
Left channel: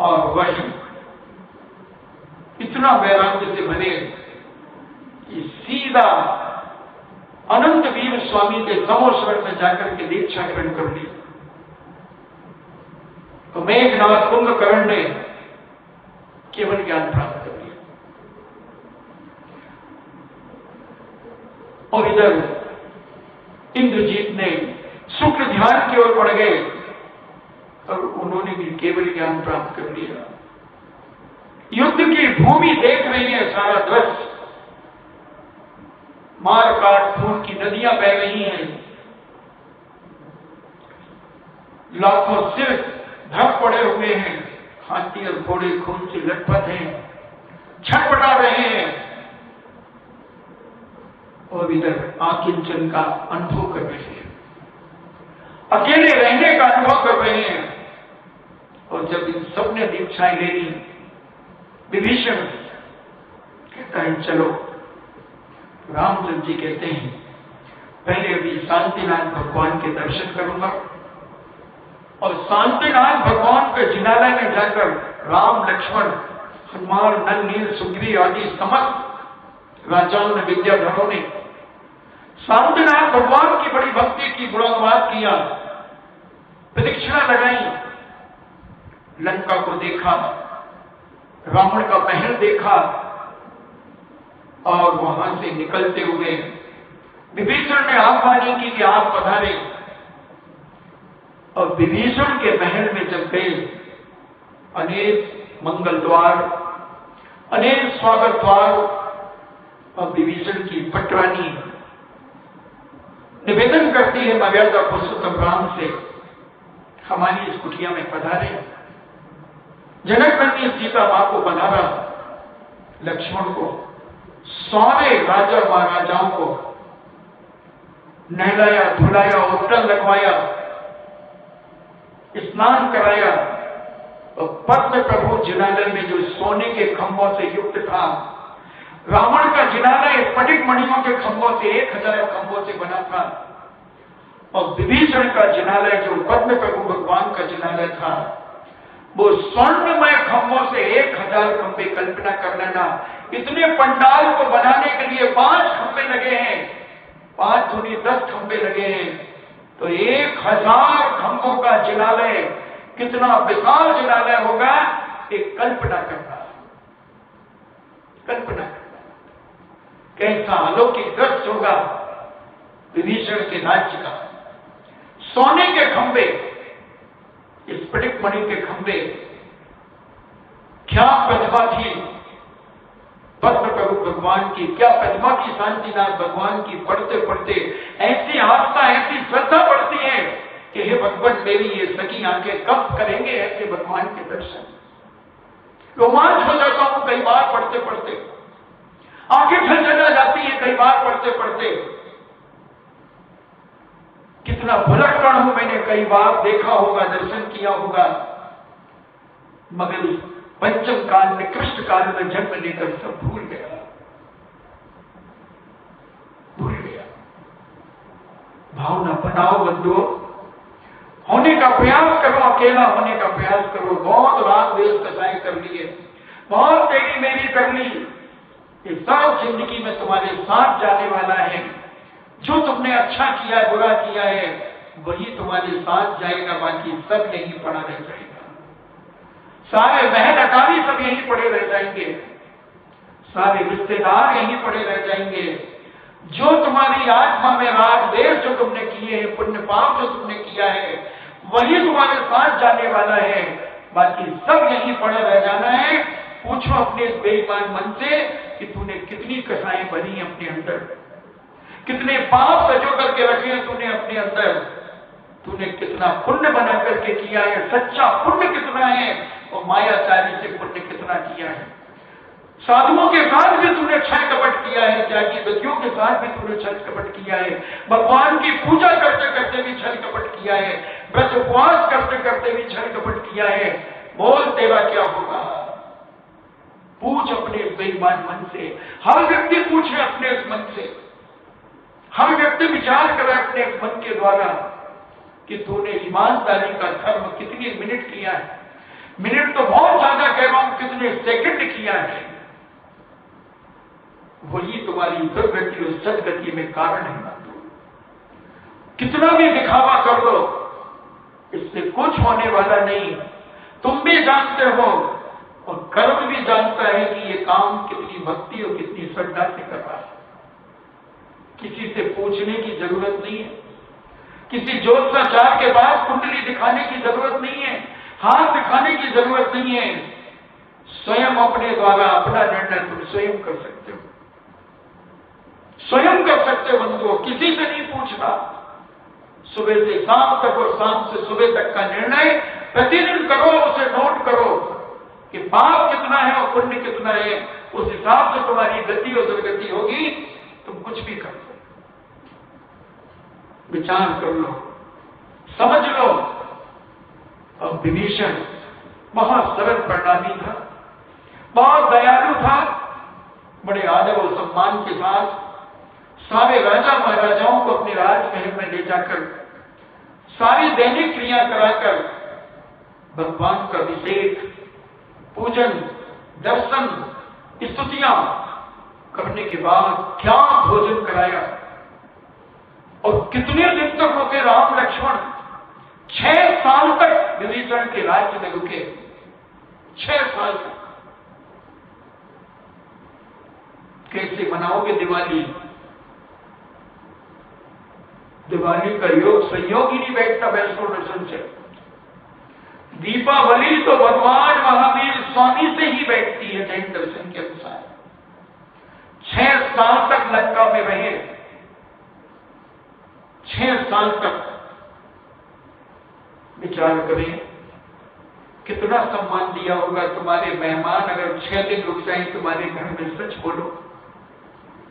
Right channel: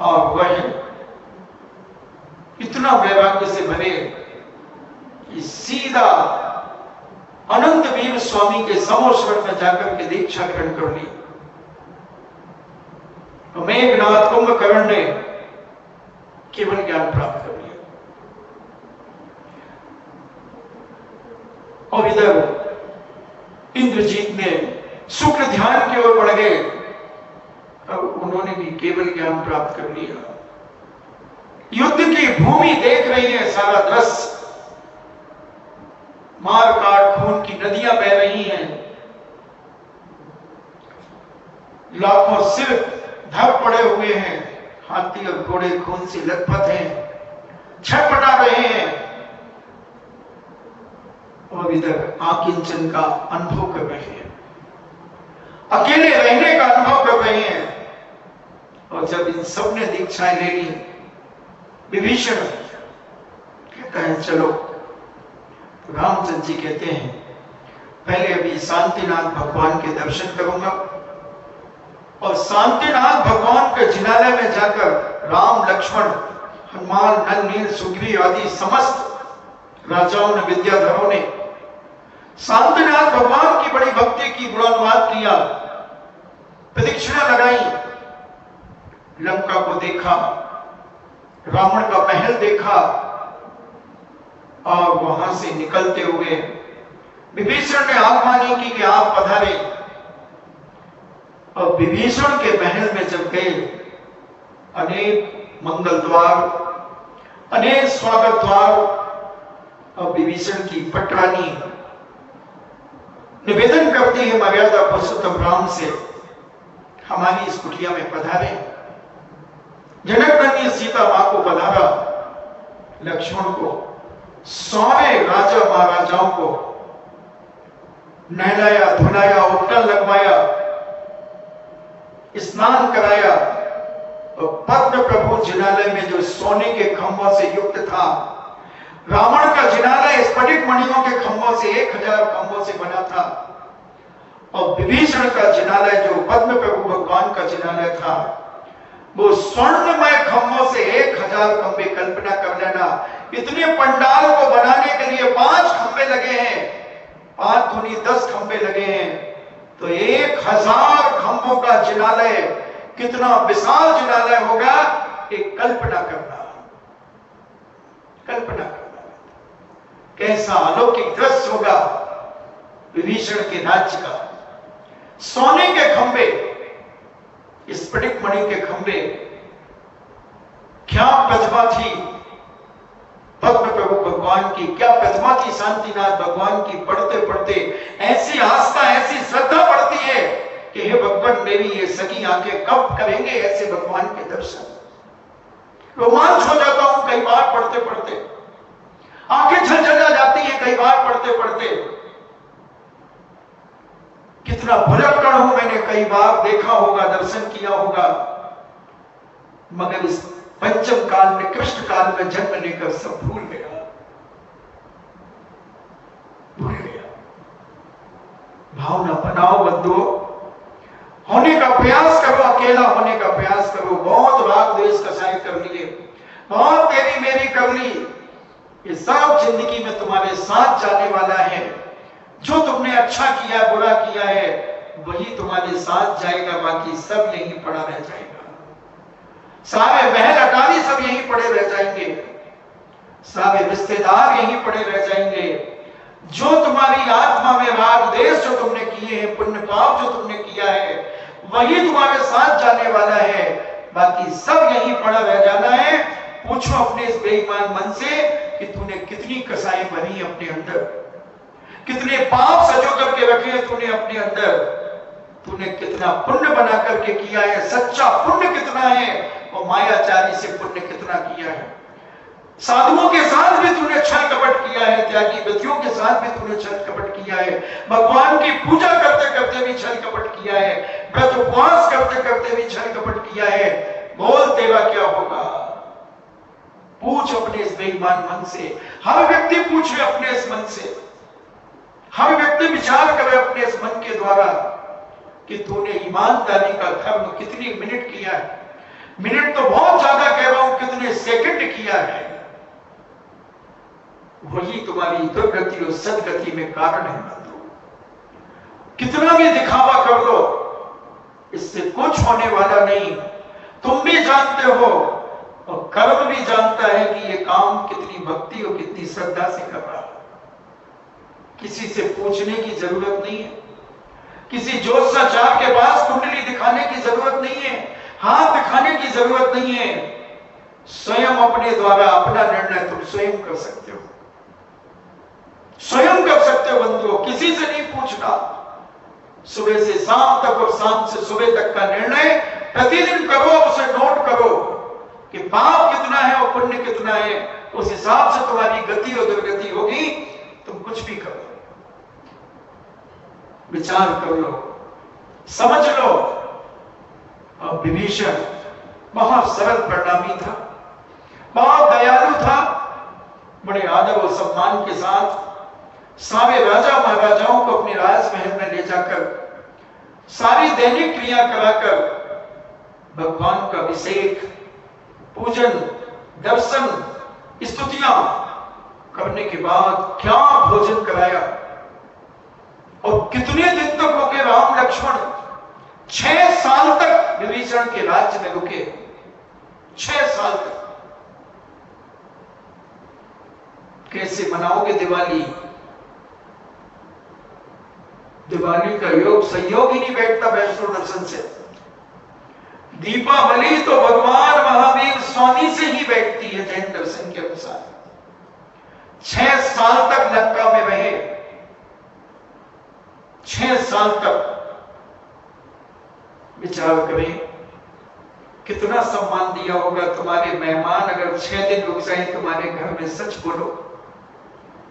और वही इतना वैराग्य से भरे कि सीधा अनंत वीर स्वामी के समोश्वर में जाकर के दीक्षा ग्रहण कर ली। तो मेघनाथ, कुंभकर्ण ने केवल ज्ञान प्राप्त कर लिया। और इधर इंद्रजीत ने शुक्र ध्यान की ओर बढ़ गए और उन्होंने भी केवल ज्ञान प्राप्त कर लिया। युद्ध की भूमि देख रही है, सारा दृश्य, मार काट खून की नदियां बह रही हैं, लाखों सिर धक पड़े हुए हैं, हाथी और घोड़े खून से लथपथ हैं, छटपटा रहे हैं। और इधर आकिंचन का अनुभव कर रहे हैं, अकेले रहने का अनुभव कर रहे हैं। और जब इन सब ने दीक्षाएं ले ली, विभीषण कहता है चलो। रामचंद्र जी कहते हैं पहले अभी शांतिनाथ भगवान के दर्शन करूंगा, और शांतिनाथ भगवान के जिनालय में जाकर राम, लक्ष्मण, हनुमान, नल, नील, सुग्रीव आदि समस्त राजाओं ने, विद्याधरों ने शांतिनाथ भगवान की बड़ी भक्ति की, गुणानुवाद किया, प्रदक्षिणा लगाई, लंका को देखा, रावण का महल देखा, और वहां से निकलते हुए विभीषण ने आज्ञा की कि आप पधारे। और विभीषण के महल में जब गए, अनेक मंगल द्वार, अनेक स्वागत द्वार, और विभीषण की पटरानी निवेदन करती है मर्यादा पुरुषोत्तम राम से, हमारी इस कुटिया में पधारे। जनक ने सीता मां को पधारा, लक्ष्मण को, सारे राजा महाराजाओं को नहलाया, धुलाया, उपटन लगवाया, स्नान कराया। और पद्म प्रभु जिनालय में जो सोने के खंभों से युक्त था, रावण का जिनालय स्फटिक मणियों के खंभों से, 1000 खंभों से बना था। और विभीषण का जिनालय जो पद्म प्रभु भगवान का जिनालय था, वो स्वर्णमय खंभों से 1000 खंभे। कल्पना कर लेना, इतने पंडाल को बनाने के लिए 5 खंभे लगे हैं, 5 दूनी 10 खंभे लगे हैं, तो 1000 खंभों का जिनालय कितना विशाल जिनालय होगा, एक कल्पना करना, कल्पना करना कैसा अलौकिक दृश्य होगा विभीषण के राज्य का। सोने के खंभे, स्फटिक मणि के खंभे, क्या प्रतिभा थी पद्म प्रभु भगवान की, क्या प्रतिमा की शांतिनाथ भगवान की पढ़ते पढ़ते ऐसी आस्था, ऐसी श्रद्धा बढ़ती है कि हे भगवान, मेरी ये सगी आंखें कब करेंगे ऐसे भगवान के दर्शन। रोमांच हो जाता हूं कई बार पढ़ते पढ़ते, आंखें झलझला जाती है कई बार पढ़ते पढ़ते। कितना भुलक्कड़ हूं, मैंने कई बार देखा होगा, दर्शन किया होगा, मगर इस पंचम काल में, कृष्ण काल में जन्म लेकर सब भूल गया, भूल गया। भावना बनाओ बंधुओं, होने का प्रयास करो, अकेला होने का प्रयास करो। बहुत राग द्वेष कसाई कर लिए, बहुत तेरी मेरी कर ली, ये सब जिंदगी में तुम्हारे साथ जाने वाला है। जो तुमने अच्छा किया, बुरा किया है, वही तुम्हारे साथ जाएगा, बाकी सब यहीं पड़ा रह जाएगा। सारे महल अटारी सब यहीं पड़े रह जाएंगे, सारे रिश्तेदार यहीं पड़े रह जाएंगे। जो तुम्हारी आत्मा में राग देश जो तुमने किए हैं, पुण्य पाप जो तुमने किया है, वही तुम्हारे साथ जाने वाला है, बाकी सब यहीं पड़ा रह जाना है। पूछो अपने इस बेईमान मन से कि तूने कितनी कसाई बनी अपने अंदर, कितने पाप सजो करके रखे हैं तूने अपने अंदर, तूने कितना पुण्य बना करके किया है, सच्चा पुण्य कितना है और मायाचारी से पुण्य कितना किया है। साधुओं के साथ भी तूने छल कपट किया है, त्यागी व्यक्तियों के साथ भी तूने छल कपट किया है, भगवान की पूजा करते करते भी छल कपट किया है, व्रत उपवास करते करते भी छल कपट किया है। बोल तेरा क्या होगा? पूछ अपने इस बेईमान मन से। हर व्यक्ति पूछे अपने इस मन से, हर व्यक्ति विचार करे अपने इस मन के द्वारा कि तूने ईमानदारी का धर्म कितने मिनट किया है। मिनट तो बहुत ज्यादा कह रहा हूं, कितने सेकंड किया है, वही तुम्हारी दुर्गति और सदगति में कारण है। कितना भी दिखावा कर लो, इससे कुछ होने वाला नहीं। तुम भी जानते हो और कर्म भी जानता है कि ये काम कितनी भक्ति और कितनी श्रद्धा से कर रहा है। किसी से पूछने की जरूरत नहीं है, किसी ज्योतिषाचार्य के पास कुंडली दिखाने की जरूरत नहीं है, हाथ दिखाने की जरूरत नहीं है। स्वयं अपने द्वारा अपना निर्णय तुम स्वयं कर सकते हो, स्वयं कर सकते हो बंधुओं, किसी से नहीं पूछना। सुबह से शाम तक और शाम से सुबह तक का निर्णय प्रतिदिन करो, उसे नोट करो कि पाप कितना है और पुण्य कितना है। उस हिसाब से तुम्हारी गति और दुर्गति होगी। तुम कुछ भी कर लो, विचार कर लो, समझ लो। और विभीषण बहुत सरल परिणामी था, बहुत दयालु था, बड़े आदर और सम्मान के साथ सारे राजा महाराजाओं को अपने राजमहल में ले जाकर सारी दैनिक क्रिया कराकर भगवान का अभिषेक, पूजन, दर्शन, स्तुतियां करने के बाद क्या भोजन कराया। और कितने दिन तक हो गए राम लक्ष्मण 6 साल तक विभीषण के राज्य में रुके, 6 साल तक। कैसे मनाओगे दिवाली? दिवाली का योग संयोग ही नहीं बैठता वैष्णो दर्शन से। दीपावली तो भगवान महावीर स्वामी से ही बैठती है जैन दर्शन के अनुसार। 6 साल तक लंका में रहे, 6 साल तक। विचार करें कितना सम्मान दिया होगा। तुम्हारे मेहमान अगर 6 दिन रुक जाए तुम्हारे घर में, सच बोलो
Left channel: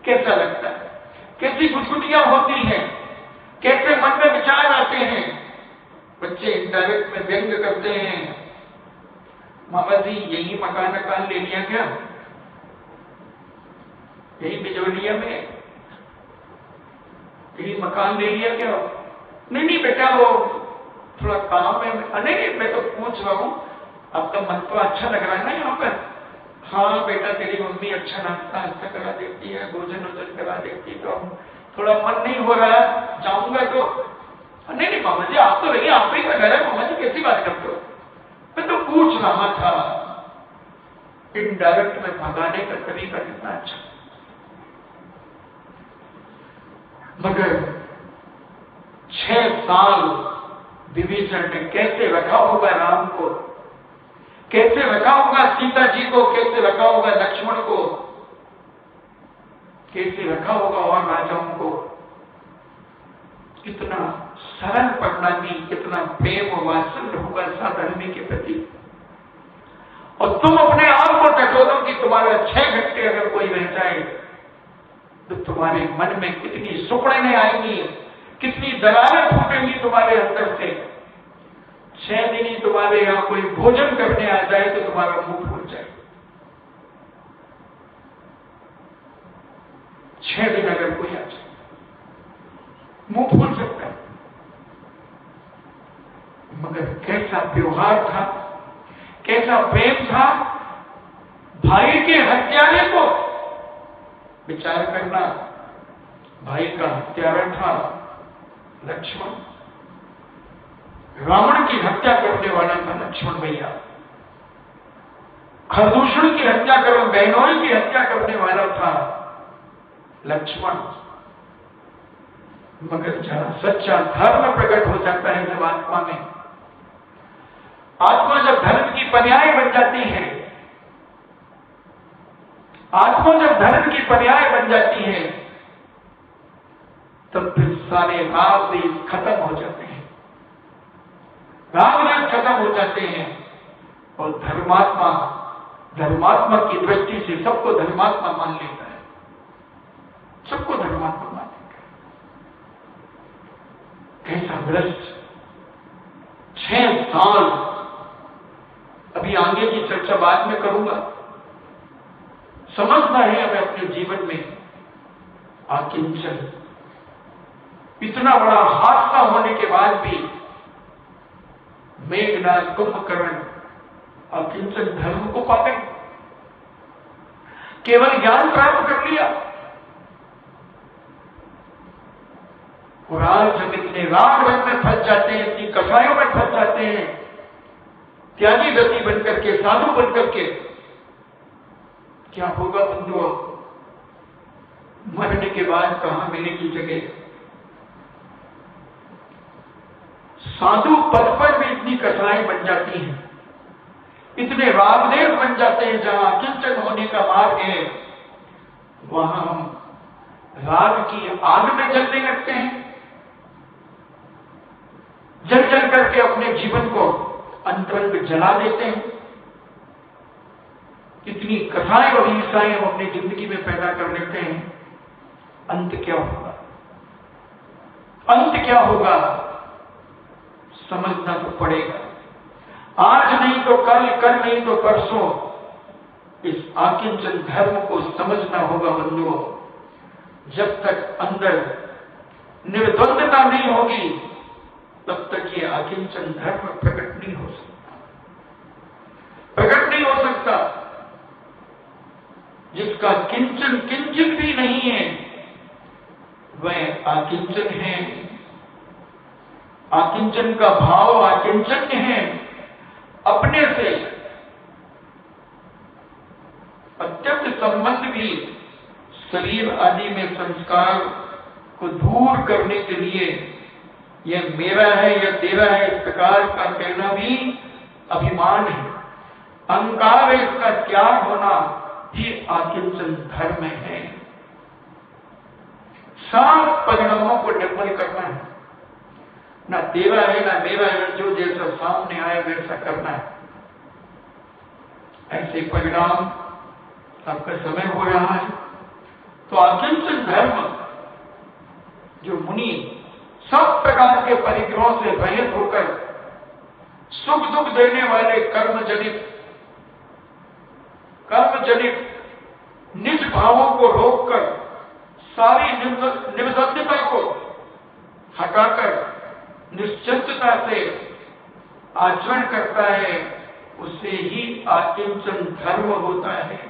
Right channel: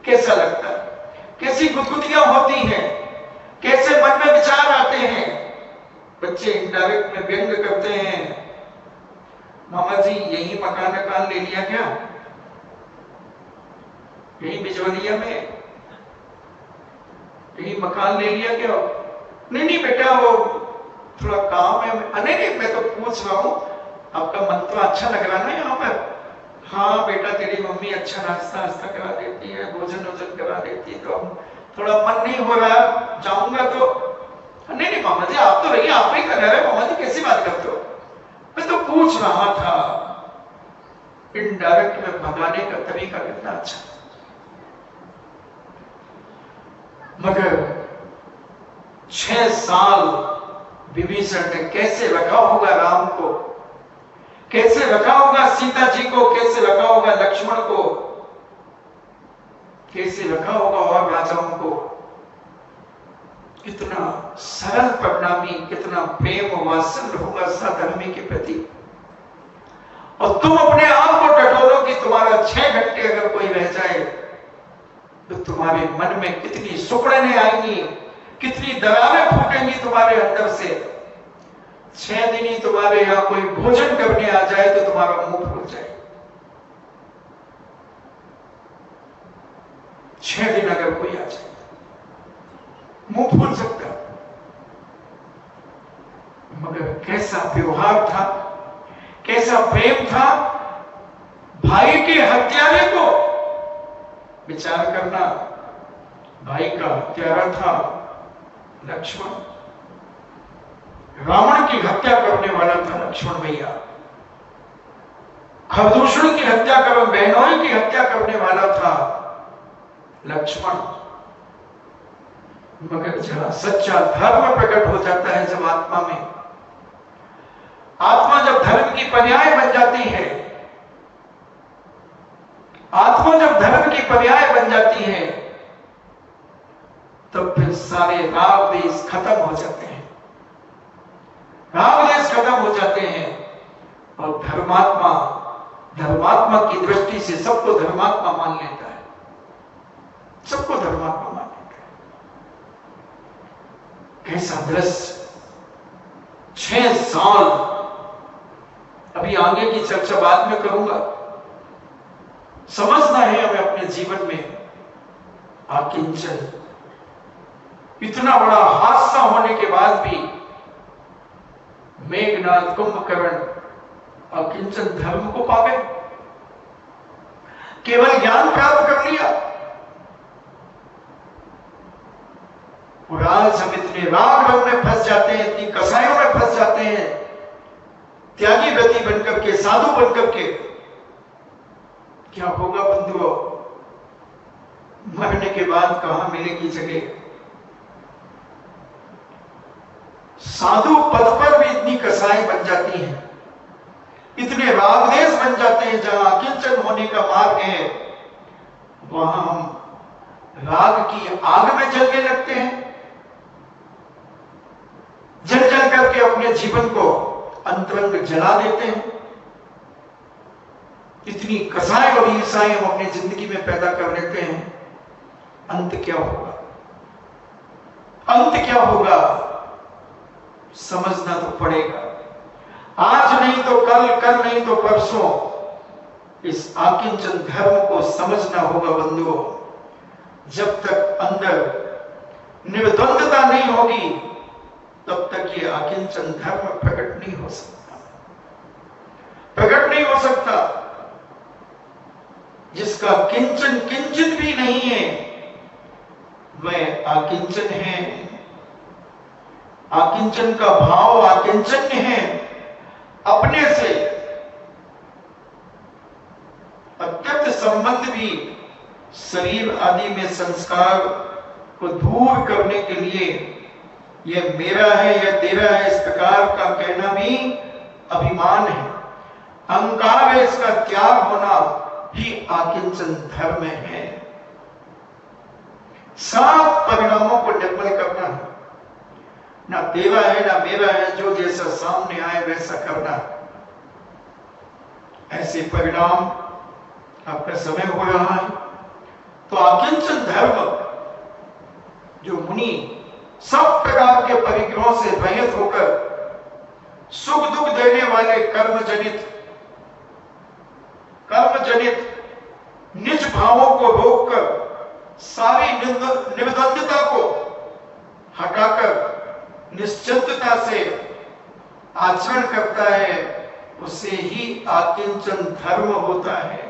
कैसा लगता है? कैसी गुदगुदियां होती हैं, कैसे मन में विचार आते हैं। बच्चे इनडायरेक्ट में व्यंग करते हैं, मामा जी यही मकान ले लिया क्या? यही बिजवलिया में यही मकान ले लिया क्या? नहीं बेटा, वो थोड़ा काम है। नहीं, मैं तो पूछ रहा हूं, आपका मन तो अच्छा लग रहा है ना यहाँ पर? हाँ बेटा, तेरी मम्मी अच्छा नाश्ता करा देती है, भोजन करा देती है, तो हम थोड़ा मन नहीं हो रहा, जाऊंगा तो। नहीं मामा जी, आप तो रहिए, आप ही का घर है। मामा जी कैसी बात करते हो? मैं तो पूछ रहा था। इनडायरेक्ट में भगाने का तरीका कितना अच्छा। मगर 6 साल विभीषण ने कैसे रखा होगा राम को, कैसे रखा होगा सीता जी को, कैसे रखा होगा लक्ष्मण को। कैसे रखा होगा और राजाओं को। कितना सरल परिणामी, कितना प्रेम और वात्सल्य होगा साधर्मी के प्रति। और तुम अपने आप को टटोलो कि तुम्हारा 6 घंटे अगर कोई रह जाए तो तुम्हारे मन में कितनी सुकड़ने आएंगी, कितनी दरारें फूटेंगी तुम्हारे अंदर से। 6 दिन ही तुम्हारे यहां कोई भोजन करने आ जाए तो तुम्हारा मुंह फूल जाए। 6 दिन अगर कोई आ जाए मुंह फूल सकता। मगर कैसा व्यवहार था, कैसा प्रेम था। भाई के हत्यारे को विचार करना, भाई का हत्यारा था लक्ष्मण। रावण की हत्या करने वाला था लक्ष्मण भैया। खरदूषण की हत्या कर, बहनोई की हत्या करने वाला था लक्ष्मण। मगर जरा सच्चा धर्म प्रकट हो जाता है जब आत्मा में, आत्मा जब धर्म की पर्याय बन जाती है, आत्मा जब धर्म की पर्याय बन जाती है, तब फिर सारे राग देश खत्म हो जाते हैं। राग देश खत्म हो जाते हैं और धर्मात्मा, धर्मात्मा की दृष्टि से सबको धर्मात्मा मान लेता है, सबको धर्मात्मा मान लेता है। कैसा दृश्य। 6 साल, अभी आगे की चर्चा बाद में करूंगा। समझना है हमें अपने जीवन में आकिंचन। इतना बड़ा हादसा होने के बाद भी मेघनाद, कुंभकर्ण आकिंचन धर्म को पा गए, केवल ज्ञान प्राप्त कर लिया। और आज हम इतने राग रंग में फंस जाते हैं, इतनी कसायों में फंस जाते हैं, त्यागी व्रती बनकर के, साधु बनकर के। क्या होगा बंधुओं, मरने के बाद कहां मिलेगी जगह। साधु पद पर भी इतनी कसाई बन जाती हैं, इतने रागदेश बन जाते हैं। जहां किंचन होने का मार्ग है वहां हम राग की आग में जलने लगते हैं, जल जल करके अपने जीवन को अंतरंग जला देते हैं। इतनी कसाई और ईर्षाएं हम अपनी जिंदगी में पैदा कर लेते हैं। अंत क्या होगा, अंत क्या होगा, समझना तो पड़ेगा। आज नहीं तो कल, कल नहीं तो परसों इस आकिंचन धर्म को समझना होगा बंधुओं। जब तक अंदर निर्द्वंदता नहीं होगी तब तक ये आकिंचन धर्म प्रकट नहीं हो सकता, प्रकट नहीं हो सकता। जिसका किंचन किंचित भी नहीं है वह आकिंचन है। आकिंचन का भाव आकिंचन्य है। अपने से अत्यंत संबंध भी शरीर आदि में संस्कार को दूर करने के लिए यह मेरा है या तेरा है इस प्रकार का कहना भी अभिमान है, अहंकार है। इसका त्याग होना ही आकिंचन धर्म है। साफ परिणामों को निर्मल करना है, ना तेरा है ना मेरा है, जो जैसा सामने आए वैसा करना है। ऐसे परिणाम आपका समय हो रहा है। तो आकिंचन धर्म जो मुनि सब प्रकार के परिग्रहों से रहित होकर सुख दुख देने वाले कर्मजनित निज भावों को रोककर सारी निबद्धता को हटाकर निश्चिंतता से आचरण करता है, उसे ही आकिंचन धर्म होता है।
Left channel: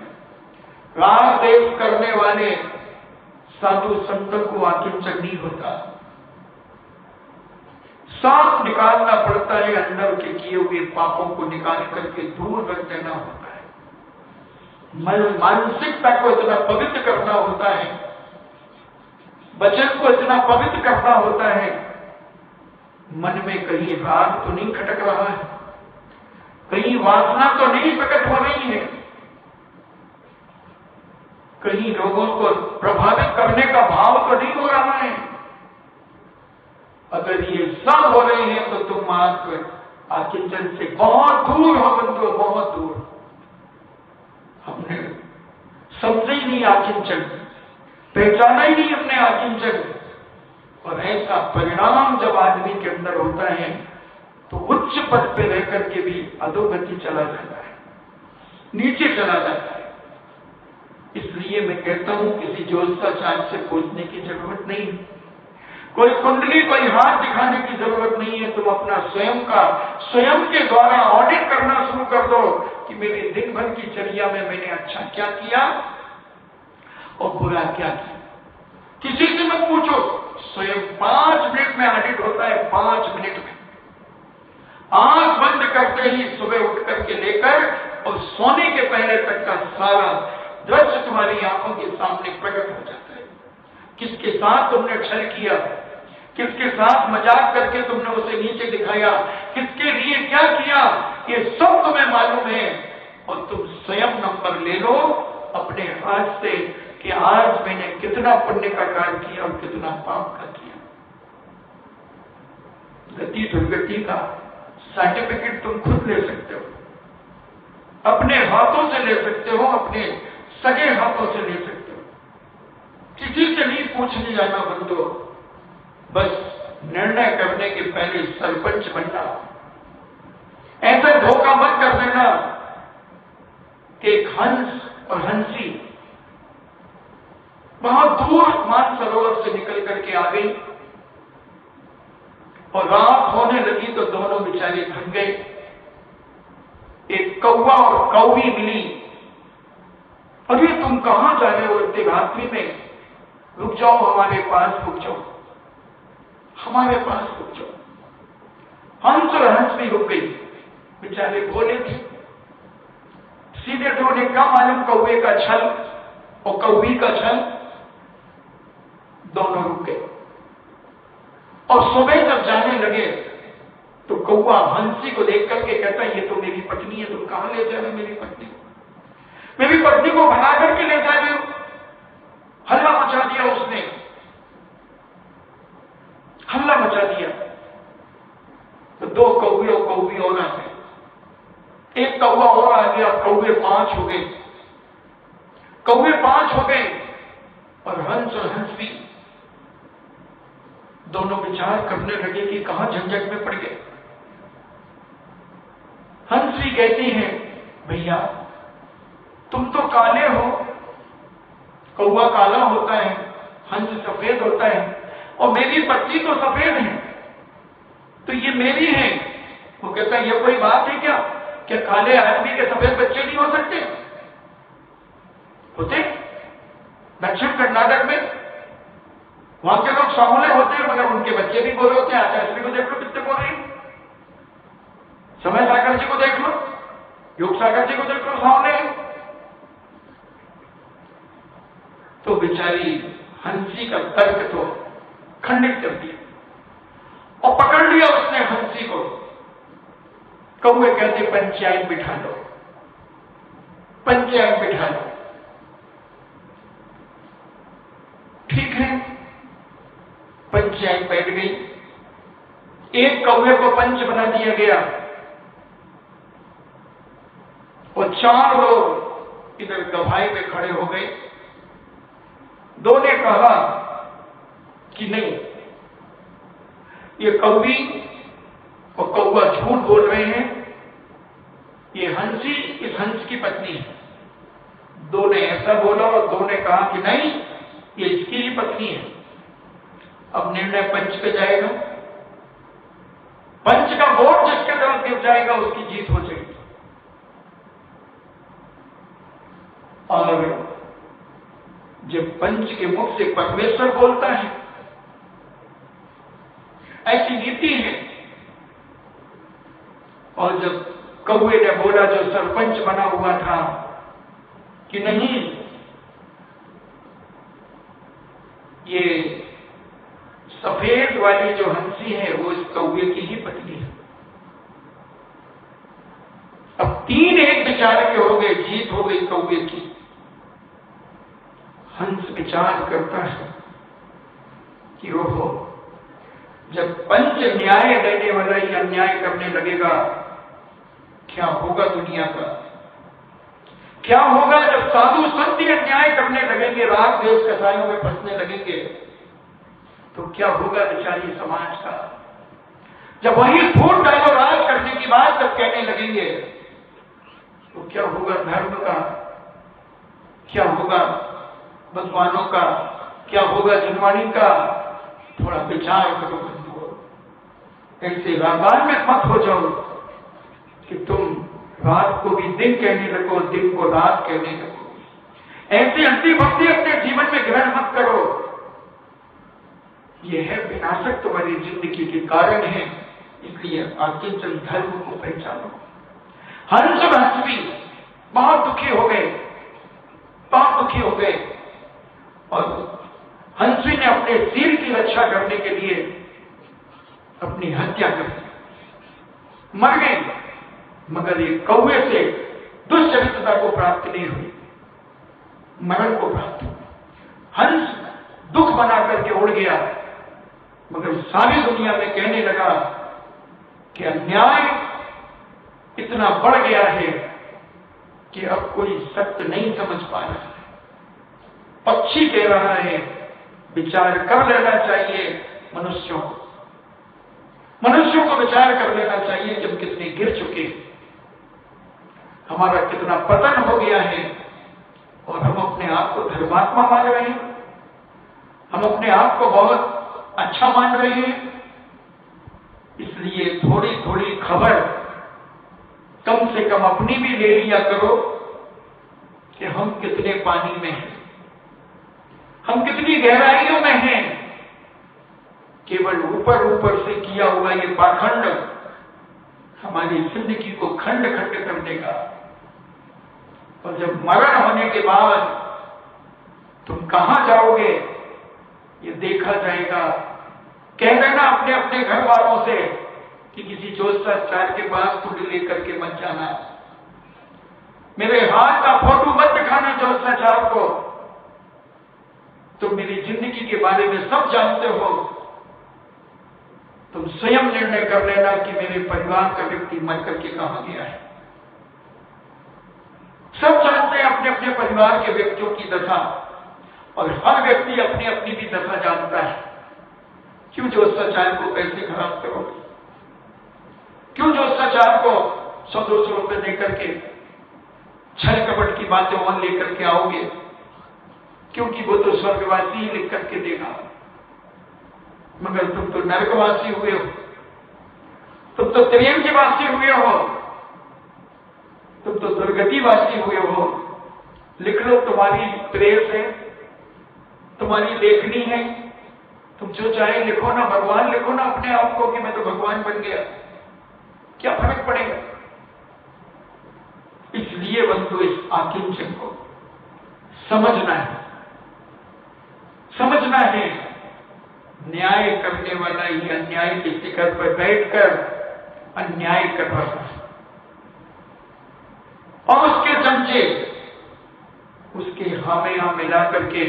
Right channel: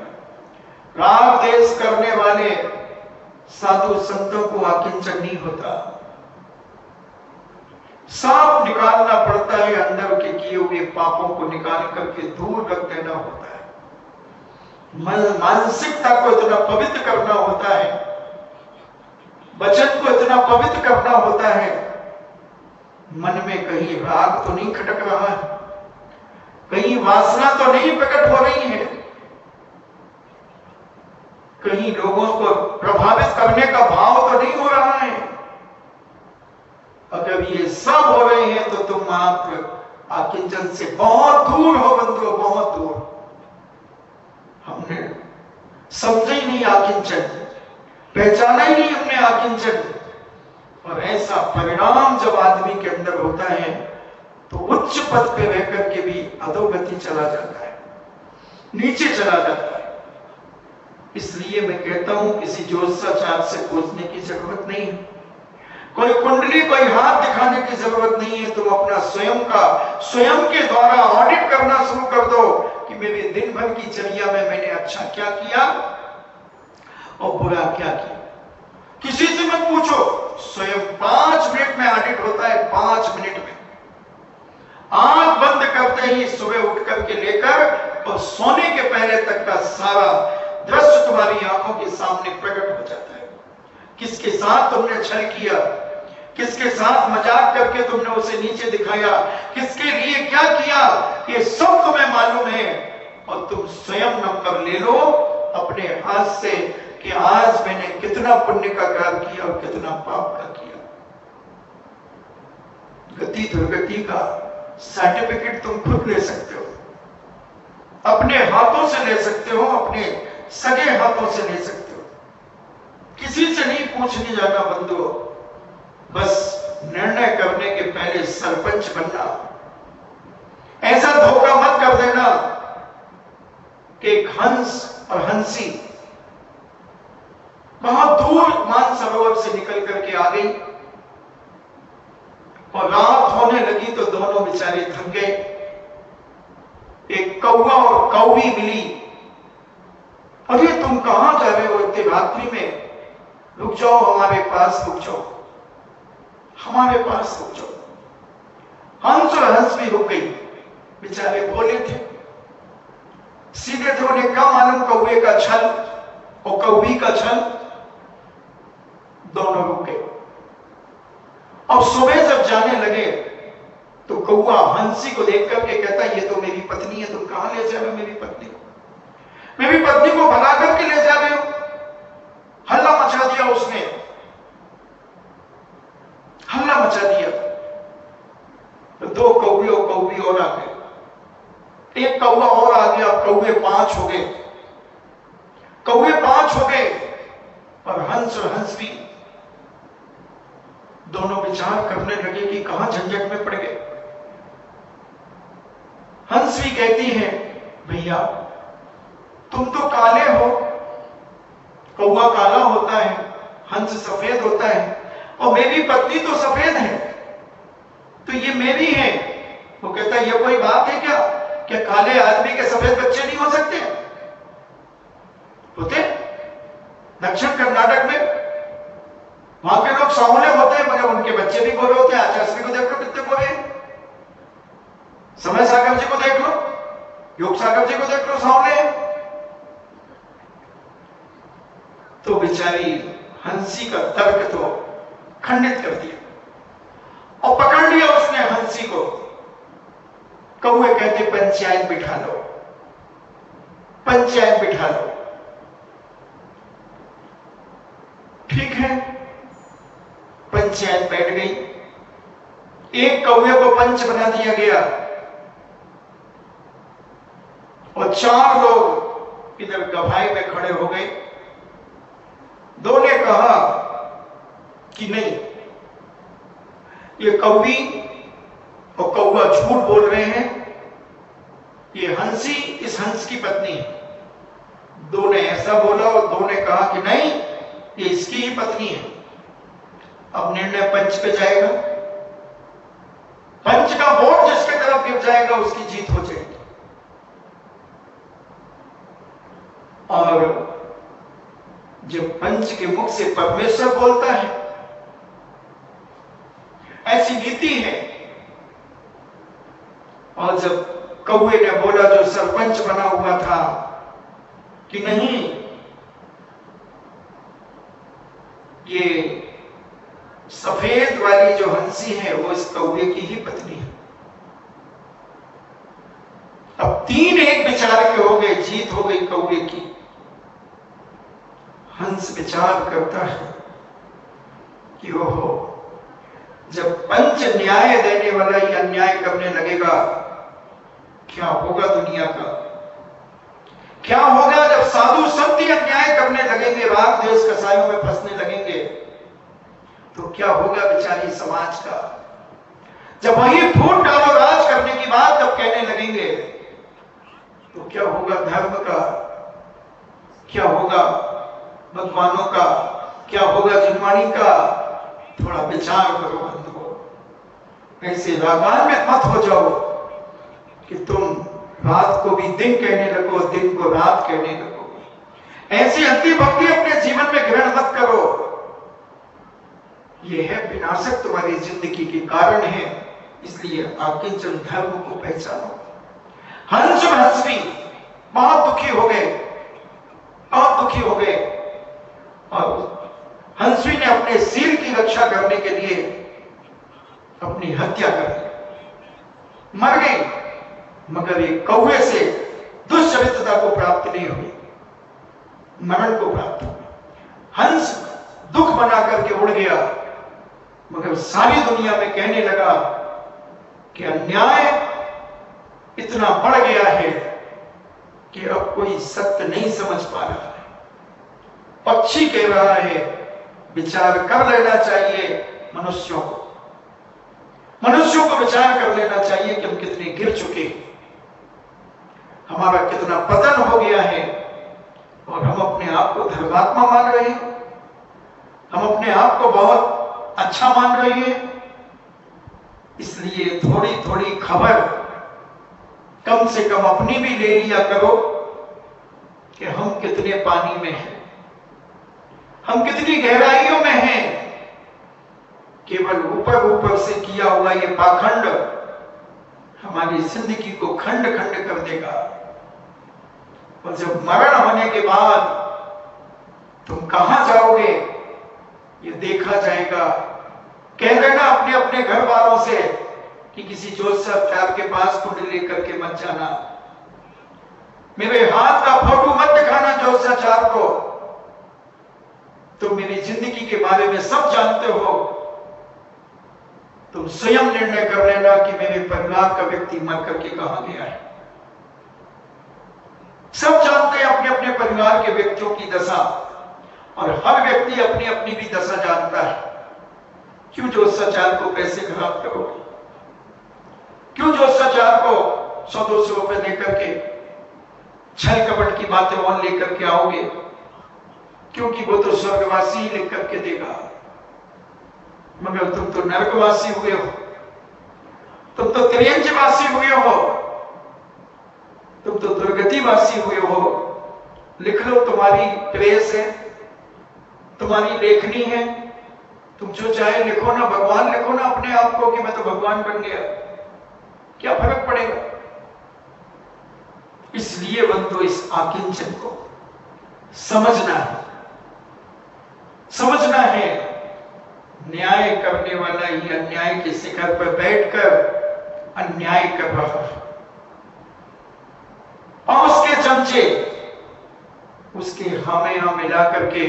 राग देश करने वाले साधु संतों को आकिंचन नहीं होता। साफ निकालना पड़ता है, अंदर के किए हुए पापों को निकाल करके दूर रख देना होता है। मानसिकता को इतना पवित्र करना होता है, वचन को इतना पवित्र करना होता है। मन में कहीं राग तो नहीं खटक रहा है, कहीं वासना तो नहीं प्रकट हो रही है। कहीं लोगों को प्रभावित करने का भाव तो नहीं हो रहा है? अगर ये सब हो रहे हैं तो तुम आप आकिंचन से बहुत दूर हो बंधुओं, बहुत दूर। हमने समझा ही नहीं आकिंचन, पहचाना ही नहीं हमने आकिंचन। और ऐसा परिणाम जब आदमी के अंदर होता है तो उच्च पद पे रह करके भी अधोगति चला जाता है, नीचे चला जाता है। इसलिए मैं कहता हूं किसी ज्योतिषाचार्य से पूछने की जरूरत नहीं, कोई कुंडली, कोई हाथ दिखाने की जरूरत नहीं है। तुम अपना स्वयं के द्वारा ऑडिट करना शुरू कर दो कि मेरे दिन भर की चर्या में मैंने अच्छा क्या किया और बुरा क्या किया। किसी से मत पूछो, स्वयं 5 मिनट में ऑडिट होता है, 5 मिनट में। आंख बंद करते ही सुबह उठ करके लेकर और सोने के पहले तक का सारा दृश्य तुम्हारी आंखों के सामने प्रकट हो जाता है। किसके साथ तुमने छल किया, किसके साथ मजाक करके तुमने उसे नीचे दिखाया, किसके लिए क्या किया, ये सब तुम्हें मालूम है। और तुम स्वयं नंबर ले लो अपने हाथ से कि आज मैंने कितना पुण्य का कार्य किया और कितना पाप का किया। गति दुर्गति का सर्टिफिकेट तुम खुद ले सकते हो, अपने हाथों से ले सकते हो, अपने सगे हाथों से ले सकते हो। किसी से नहीं पूछने जाना बंधुओं, बस निर्णय करने के पहले सरपंच बनना। ऐसा धोखा मत कर देना कि एक हंस और हंसी बहुत दूर मानसरोवर से निकल करके आ गई और रात होने लगी तो दोनों बेचारे थक गए। एक कौवा और कौवी मिली। अरे तुम कहां जा रहे हो इतनी रात्रि में? रुक जाओ, हमारे पास रुक जाओ, हमारे पास रुक जाओ। हंस और हंस भी रुक गई, बेचारे भोले थे, सीधे थे, उन्हें क्या मालूम कौवे का छल और कौवी का छल। दोनों रुक गए और सुबह जब जाने लगे तो कौवा हंसी को देख करके कहता, ये तो मेरी पत्नी है, तुम कहां ले जा रहे हो मेरी पत्नी को? मेरी पत्नी को भगा करके ले जा रहे हो? हल्ला मचा दिया उसने, हल्ला मचा दिया। तो 2 कौवे और कौवी और आ गए, एक कौवा और आ गया, कौवे 5 हो गए, कौवे 5 हो गए। और हंस और हंस भी दोनों विचार करने लगे कि कहां झंझट में पड़ गए। हंस भी कहती है, भैया तुम तो काले हो, कौवा काला होता है, हंस सफेद होता है, और मेरी पत्नी तो सफेद है, तो ये मेरी है। वो कहता है, ये कोई बात है क्या? क्या काले आदमी के सफेद बच्चे नहीं हो सकते? होते। दक्षिण कर्नाटक में वहां के लोग सांवले होते हैं मगर उनके बच्चे भी गोरे होते हैं। आचार्य को देख लो कितने गोरे हैं, समय सागर जी को देख लो, योग सागर जी को देख लो, सांवले हैं। तो बेचारी हंसी का तर्क तो खंडित कर दिया और पकड़ लिया उसने हंसी को। कौवे कहते, पंचायत बिठा लो, पंचायत बिठा लो। ठीक है, पंचायत बैठ गई। एक कौवे को पंच बना दिया गया और 4 लोग इधर गवाही में खड़े हो गए। 2 ने कहा कि नहीं, ये कौवी और कौवा झूठ बोल रहे हैं, ये हंसी इस हंस की पत्नी है। 2 ने ऐसा बोला और 2 ने कहा कि नहीं, ये इसकी ही पत्नी है। अब निर्णय पंच पे जाएगा, पंच का वोट जिसके तरफ गिर जाएगा उसकी जीत हो जाएगी। और जब पंच के मुख से परमेश्वर बोलता है, ऐसी नीति है। और जब कौवे ने बोला जो सरपंच बना हुआ था कि नहीं, ये सफेद वाली जो हंसी है वो इस कौवे की ही पत्नी है। अब 3-1 विचार के हो गए, जीत हो गई कौवे की। हंस विचार करता है कि ओहो, जब पंच न्याय देने वाला ही अन्याय करने लगेगा, क्या होगा दुनिया का? क्या होगा जब साधु संत ही अन्याय करने लगेंगे, राग द्वेष कसायों में फंसने लगेंगे, तो क्या होगा बेचारी समाज का? जब वही फूट डालो राज करने की बात जब कहने लगेंगे, तो क्या होगा धर्म का? क्या होगा भगवानों का? क्या होगा जिनवाणी का? थोड़ा विचार करो बंधुओं। ऐसे रागान्वित मत हो जाओ कि तुम रात को भी दिन कहने लगो, दिन को रात कहने लगो। ऐसी अति भक्ति अपने जीवन में ग्रहण मत करो। यह है विनाशक तुम्हारी जिंदगी के कारण है। इसलिए आकिंचन धर्म को पहचानो। हंस हंसवी बहुत दुखी हो गए, बहुत दुखी हो गए, और हंसवी ने अपने सिर की रक्षा करने के लिए अपनी हत्या कर दी, मर गई। मगर ये कौवे से दुष्चरित्रता को प्राप्त नहीं हुई, मरण को प्राप्त हुआ। हंस दुख बना करके उड़ गया, मगर सारी दुनिया में कहने लगा कि अन्याय इतना बढ़ गया है कि अब कोई सत्य नहीं समझ पा रहा। पक्षी कह रहा है विचार कर लेना चाहिए मनुष्यों को, मनुष्यों को विचार कर लेना चाहिए कि हम कितने गिर चुके हैं, हमारा कितना पतन हो गया है, और हम अपने आप को धर्मात्मा मान रहे हैं, हम अपने आप को बहुत अच्छा मान रहे हैं। इसलिए थोड़ी थोड़ी खबर कम से कम अपनी भी ले लिया करो कि हम कितने पानी में हैं, हम कितनी गहराइयों में हैं। केवल ऊपर ऊपर से किया हुआ ये पाखंड हमारी जिंदगी को खंड खंड कर देगा, और जब मरण होने के बाद तुम कहां जाओगे ये देखा जाएगा। कह देना अपने अपने घर वालों से कि किसी ज्योतिषाचार्य के पास कुंडली लेकर के मत जाना, मेरे हाथ का फोटो मत दिखाना ज्योतिषाचार्य को, तुम मेरी जिंदगी के बारे में सब जानते हो, तुम स्वयं निर्णय कर लेना कि मेरे परिवार का व्यक्ति मर करके कहां गया है। सब जानते हैं अपने अपने परिवार के व्यक्तियों की दशा, और हर व्यक्ति अपनी अपनी भी दशा जानता है। क्यों ज्योतिषाचार्य को पैसे खराब करोगे? क्यों ज्योतिषाचार्य को 100-200 रुपए देकर के छल कपट की बातें और लेकर के आओगे? क्योंकि वो तो स्वर्गवासी ही लिख करके देगा, मगर तुम तो नरकवासी हुए हो, तुम तो त्रियंजवासी हुए हो, तुम तो दुर्गतिवासी हुए हो। लिख लो, तुम्हारी प्रेस है, तुम्हारी लेखनी है, तुम जो चाहे लिखो ना, भगवान लिखो ना अपने आप को कि मैं तो भगवान बन गया, क्या फर्क पड़ेगा? इसलिए बंधु इस आकिंचन को समझना है, समझना है। न्याय करने वाला ही अन्याय के शिखर पर बैठकर अन्याय कर रहा है, और उसके चमचे उसके हामे यहां मिला करके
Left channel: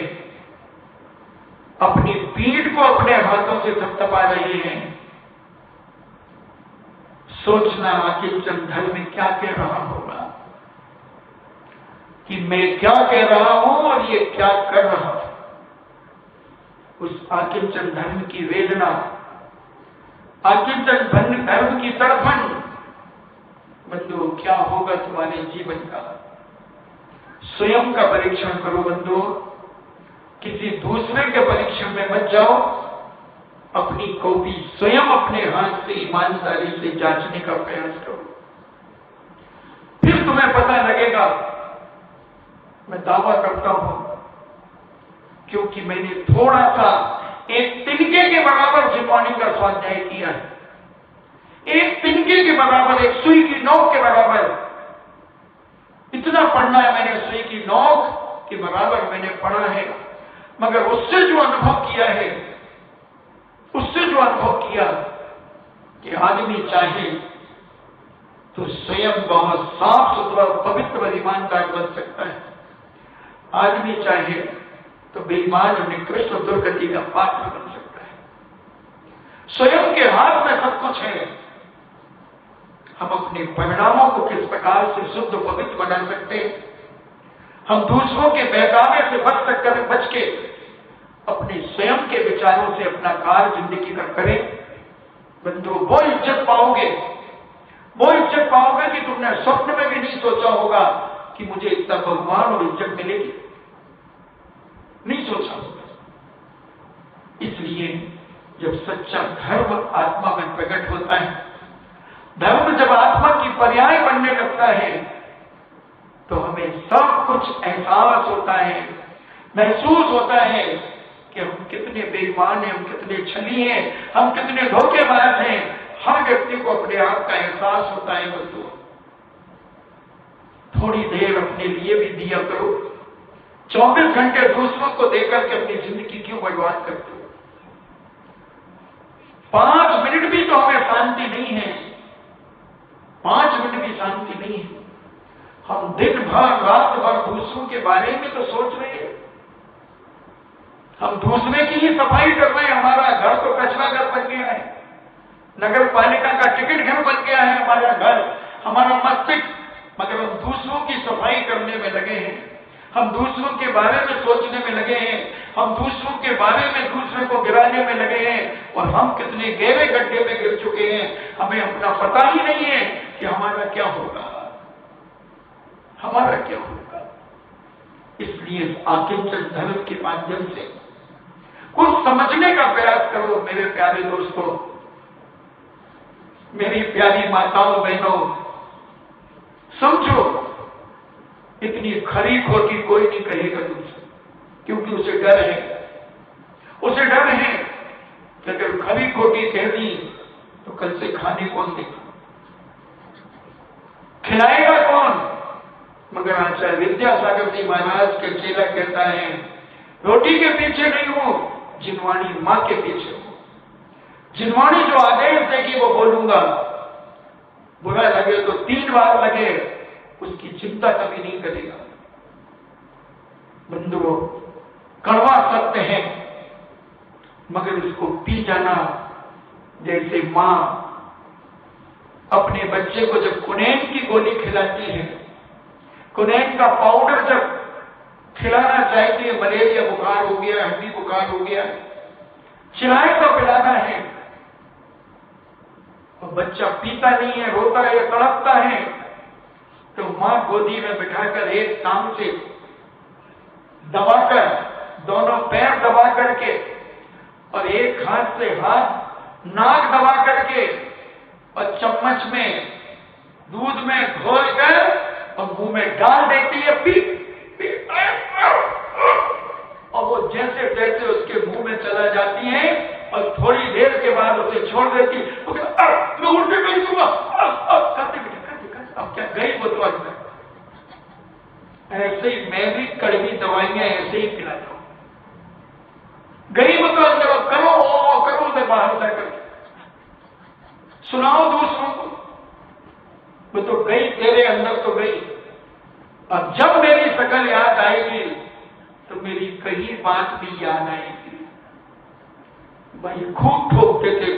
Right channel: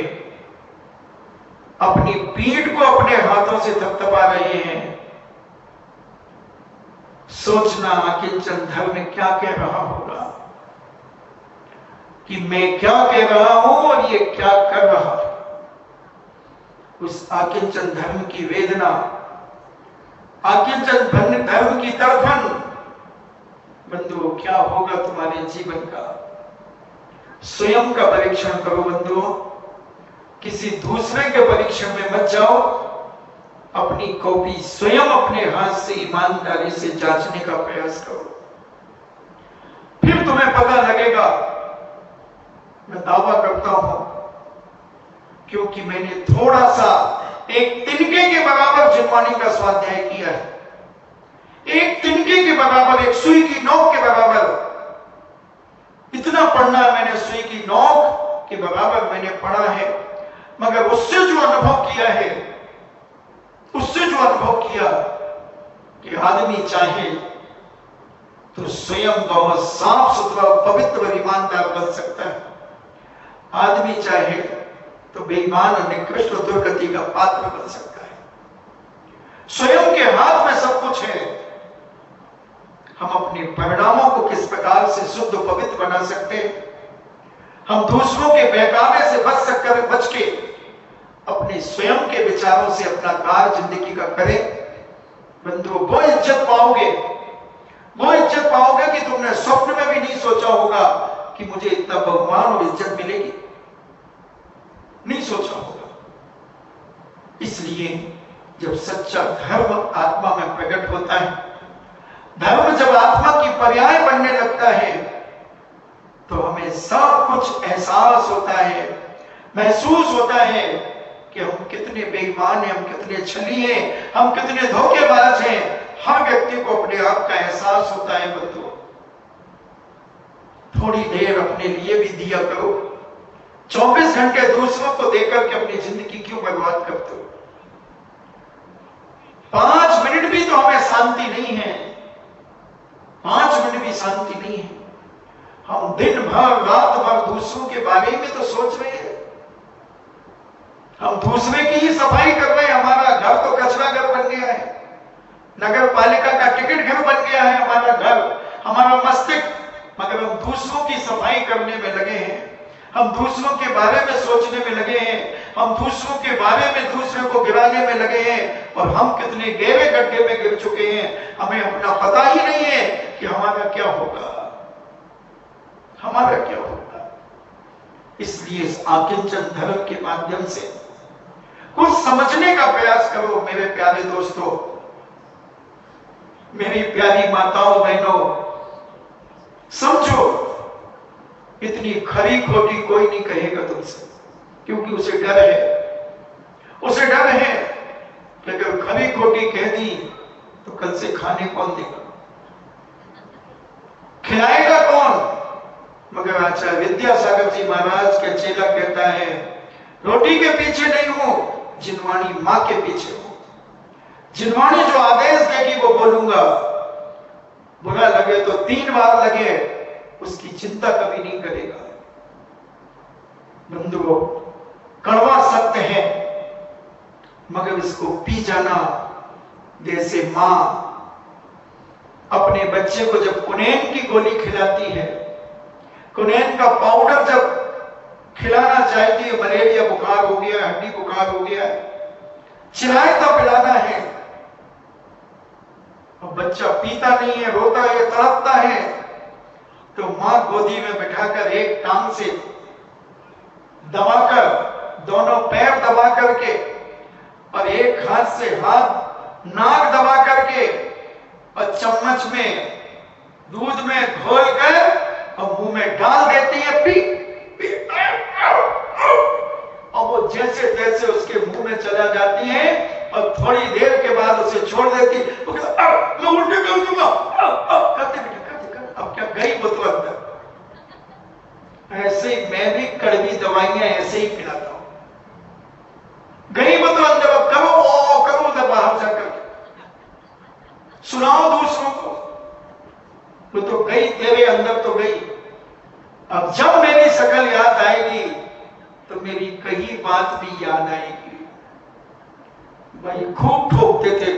अपनी पीठ को अपने हाथों से थपथपा रहे हैं। सोचना आकिंचन धर्म में क्या कह रहा होगा, कि मैं क्या कह रहा हूं और ये क्या कर रहा है। उस आकिंचन धर्म की वेदना, आकिंचन धर्म की तड़फन, बंधुओं क्या होगा तुम्हारे जीवन का? स्वयं का परीक्षण करो बंधुओं, किसी दूसरे के परीक्षण में मत जाओ। अपनी कॉपी स्वयं अपने हाथ से ईमानदारी से जांचने का प्रयास करो, फिर तुम्हें पता लगेगा। मैं दावा करता हूं, क्योंकि मैंने थोड़ा सा एक तिनके के बराबर जिनवानी का स्वाध्याय किया है, एक तिनके के बराबर, एक सुई की नोक के बराबर। इतना पढ़ना है मैंने, सुई की नोक के बराबर मैंने पढ़ा है, मगर उससे जो अनुभव किया है, उससे जो अनुभव किया कि आदमी चाहे तो स्वयं बहुत साफ सुथरा, पवित्र और ईमानदार बन सकता है। आदमी चाहे तो बेईमान और निकृष्ट और दुर्गति का पात्र बन सकता है। स्वयं के हाथ में सब कुछ है। हम अपने परिणामों को किस प्रकार से शुद्ध पवित्र बना सकते हैं, हम दूसरों के बहकावे से बच के अपने स्वयं के विचारों से अपना कार्य जिंदगी का करें। बंधु, वो इज्जत पाओगे कि तुमने स्वप्न में भी नहीं सोचा होगा कि मुझे इतना बहुमान और इज्जत मिलेगी, नहीं सोचा होगा। इसलिए जब सच्चा धर्म आत्मा में प्रकट होता है, धर्म जब आत्मा की पर्याय बनने लगता है, तो हमें सब कुछ एहसास होता है, महसूस होता है कि हम कितने बेईमान हैं, हम कितने छली हैं, हम कितने धोखेबाज हैं। हर व्यक्ति को अपने आप का एहसास होता है। बंधु, थोड़ी देर अपने लिए भी दिया करो। 24 घंटे दूसरों को देकर के अपनी जिंदगी क्यों बर्बाद करते हो? 5 मिनट भी तो हमें शांति नहीं है, 5 मिनट भी शांति नहीं है। हम दिन भर रात भर दूसरों के बारे में तो सोच रहे हैं, हम दूसरे की ही सफाई कर रहे हैं। हमारा घर तो कचरा घर बन गया है, नगर पालिका का टिकट घर बन गया है हमारा घर, हमारा मस्तिष्क, मगर हम दूसरों की सफाई करने में लगे हैं, हम दूसरों के बारे में सोचने में लगे हैं, हम दूसरों के बारे में दूसरे को गिराने में लगे हैं। और हम कितने गहरे गड्ढे में गिर चुके हैं, हमें अपना पता ही नहीं है कि हमारा क्या होगा, हमारा क्या होगा। इसलिए इस आकिंचन धर्म के माध्यम से कुछ समझने का प्रयास करो। मेरे प्यारे दोस्तों, मेरी प्यारी माताओं बहनों, समझो, इतनी खरी खोटी कोई नहीं कहेगा तुमसे, क्योंकि उसे डर है, उसे डर है कि अगर खरी खोटी कह दी तो कल से खाने कौन देगा, खिलाएगा कौन। मगर आचार्य विद्यासागर जी महाराज के चेला कहता है, रोटी के पीछे नहीं हूं, जिनवाणी मां के पीछे हूं। जिनवाणी जो आदेश देगी वो बोलूंगा, बुरा लगे तो 3 बार लगे, उसकी चिंता कभी नहीं करेगा। बंधुओं, कड़वा सत्य है, मगर इसको पी जाना। जैसे मां अपने बच्चे को जब कुनैन की गोली खिलाती है, कुनैन का पाउडर जब खिलाना चाहती है, मलेरिया बुखार हो गया, हड्डी बुखार हो गया, चिराए तो पिलाना है, और बच्चा पीता नहीं है, रोता है, तड़पता है, तो मां गोदी में बिठाकर एक टांग से दबाकर, दोनों पैर दबा करके और एक हाथ से हाथ नाक दबा करके और चम्मच में दूध में घोलकर और मुंह में डाल देती है, पी, पी, और वो जैसे तैसे उसके मुंह में चला जाती है और थोड़ी देर के बाद उसे छोड़ देती। तो मैं उल्टी कर दूंगा, करते बेटा, अब क्या गई वो तो अंदर। ऐसे ही मैं भी कड़वी दवाइयां ऐसे ही पिलाता हूं, गई वो तो अंदर, अब करो उधर बाहर जाकर सुनाओ दूसरों को, वो तो गई, तेरे अंदर तो गई। अब जब मेरी शकल याद आएगी तो मेरी कही बात भी याद आएगी। भाई खूब ठोकते थे,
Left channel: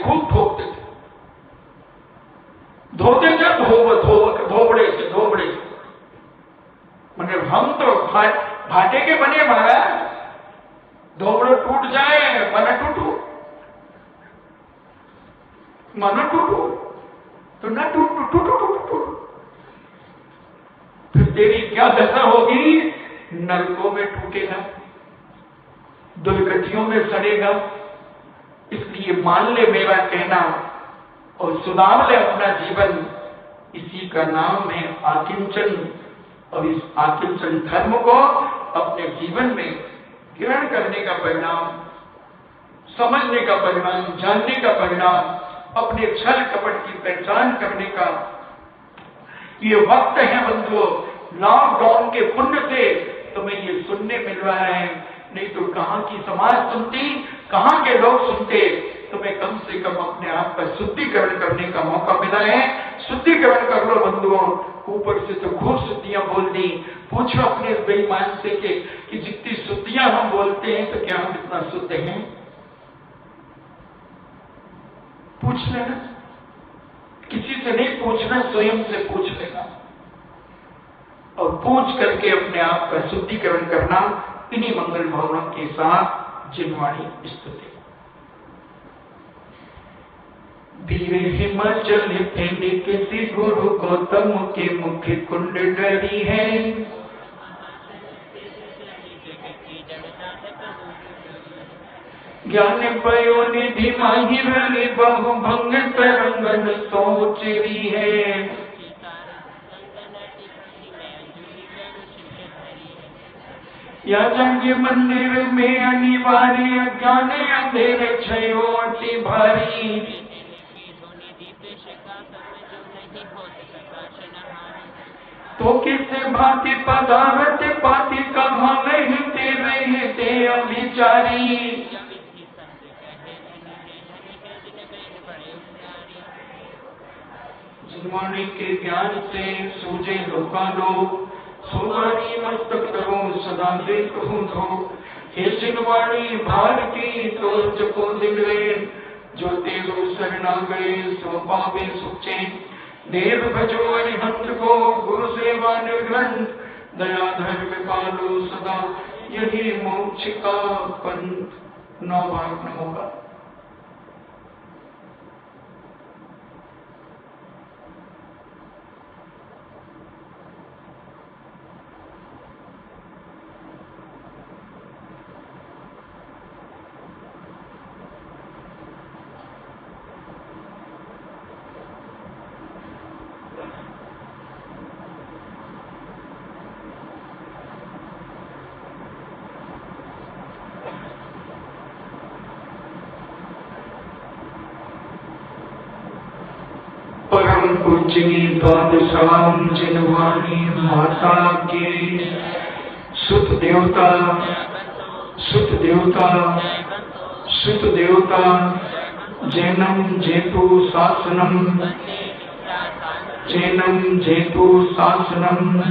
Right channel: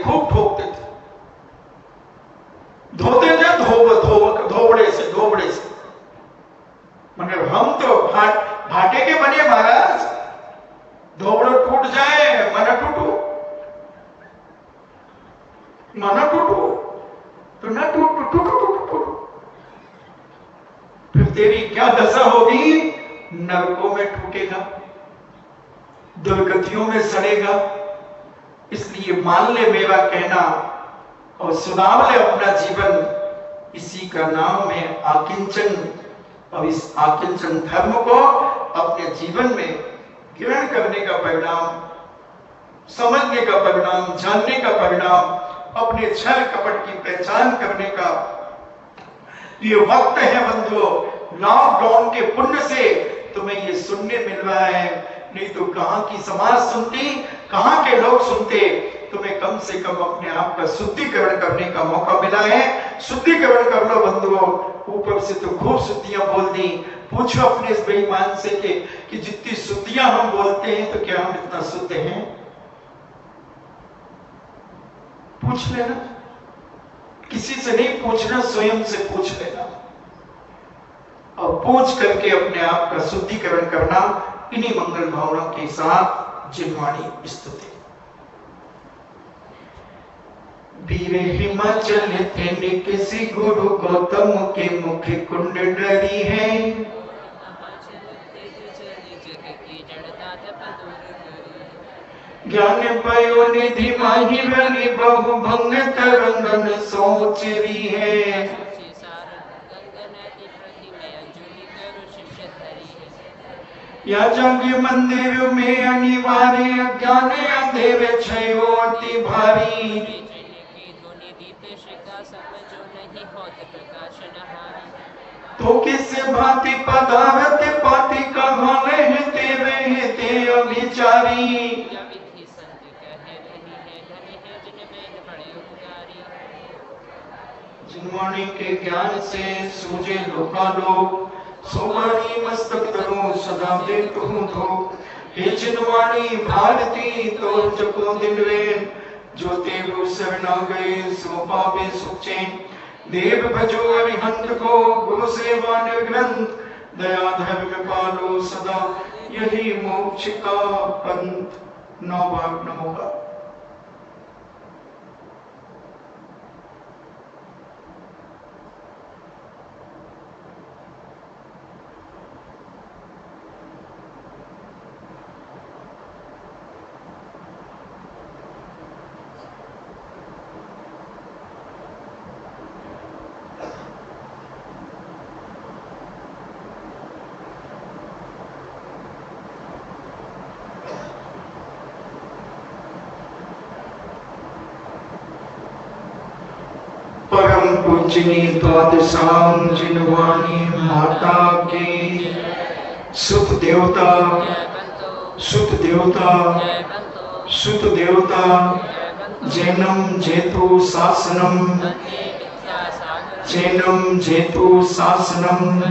धोते थे धोबड़े से, मगर हम तो भाटे के बने महाराज। धोबड़े टूट जाए, मना टूटो तो ना टूटो। फिर तेरी क्या दशा होगी, नरकों में टूटेगा, दुर्गतियों में सड़ेगा। इसलिए मान ले मेरा कहना और सुधार ले अपना जीवन। इसी का नाम है आकिंचन, और इस आकिंचन धर्म को अपने जीवन में ग्रहण करने का परिणाम, समझने का परिणाम, जानने का परिणाम, अपने छल कपट की पहचान करने का ये वक्त है। बंधुओं, लॉकडाउन के पुण्य से तुम्हें ये सुनने मिल रहा है, नहीं तो कहां की समाज सुनती, कहां के लोग सुनते, तुम्हें कम से कम अपने आप का शुद्धिकरण करने का मौका मिला है। शुद्धिकरण कर लो बंधुओं। ऊपर से तो खूब शुद्धियां बोल दी। पूछो अपने इस बेईमान से कि जितनी शुद्धियां हम बोलते हैं तो क्या हम इतना शुद्ध हैं? पूछ लेना, किसी से नहीं पूछना, स्वयं से पूछ लेना और पूछ करके अपने आप का शुद्धिकरण करना। इन्हीं मंगल भावना के साथ जिनवाणी स्तुति। वीर हिमाचल थे किसी गुरु गौतम के मुख कुंडली है। ज्ञान पयो निधि माही भली बहु भंग तरंगन सोच भी है। या जागे मंदिर में अनिवार्य ज्ञान अंधेर छयो अति भारी। तो किसे भांति पदावत पाति कहा नहीं तेरे ते अभिचारी। जिनवाणी के ज्ञान से सूझे लोकालोक सोमानी मस्तक तरू सदा देखूं धो। हे जिनवाणी भारती तो जपो दिन रे। जो तेरो शरणा गए सो पावे सुख चैन। देव भजो अरिहंत को गुरु सेवा निर्ग्रंथ। दया धर्म पालो सदा यही मोक्ष का पंथ। 9 भाग न होगा। परम पूजनी द्वादशाम जिनवाणी माता के सुत देवता सुत देवता सुत देवता जैनम जेतु शासनम जैनम जेतु शासनम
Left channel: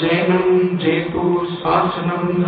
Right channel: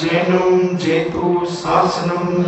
जैनम जेतु शासनम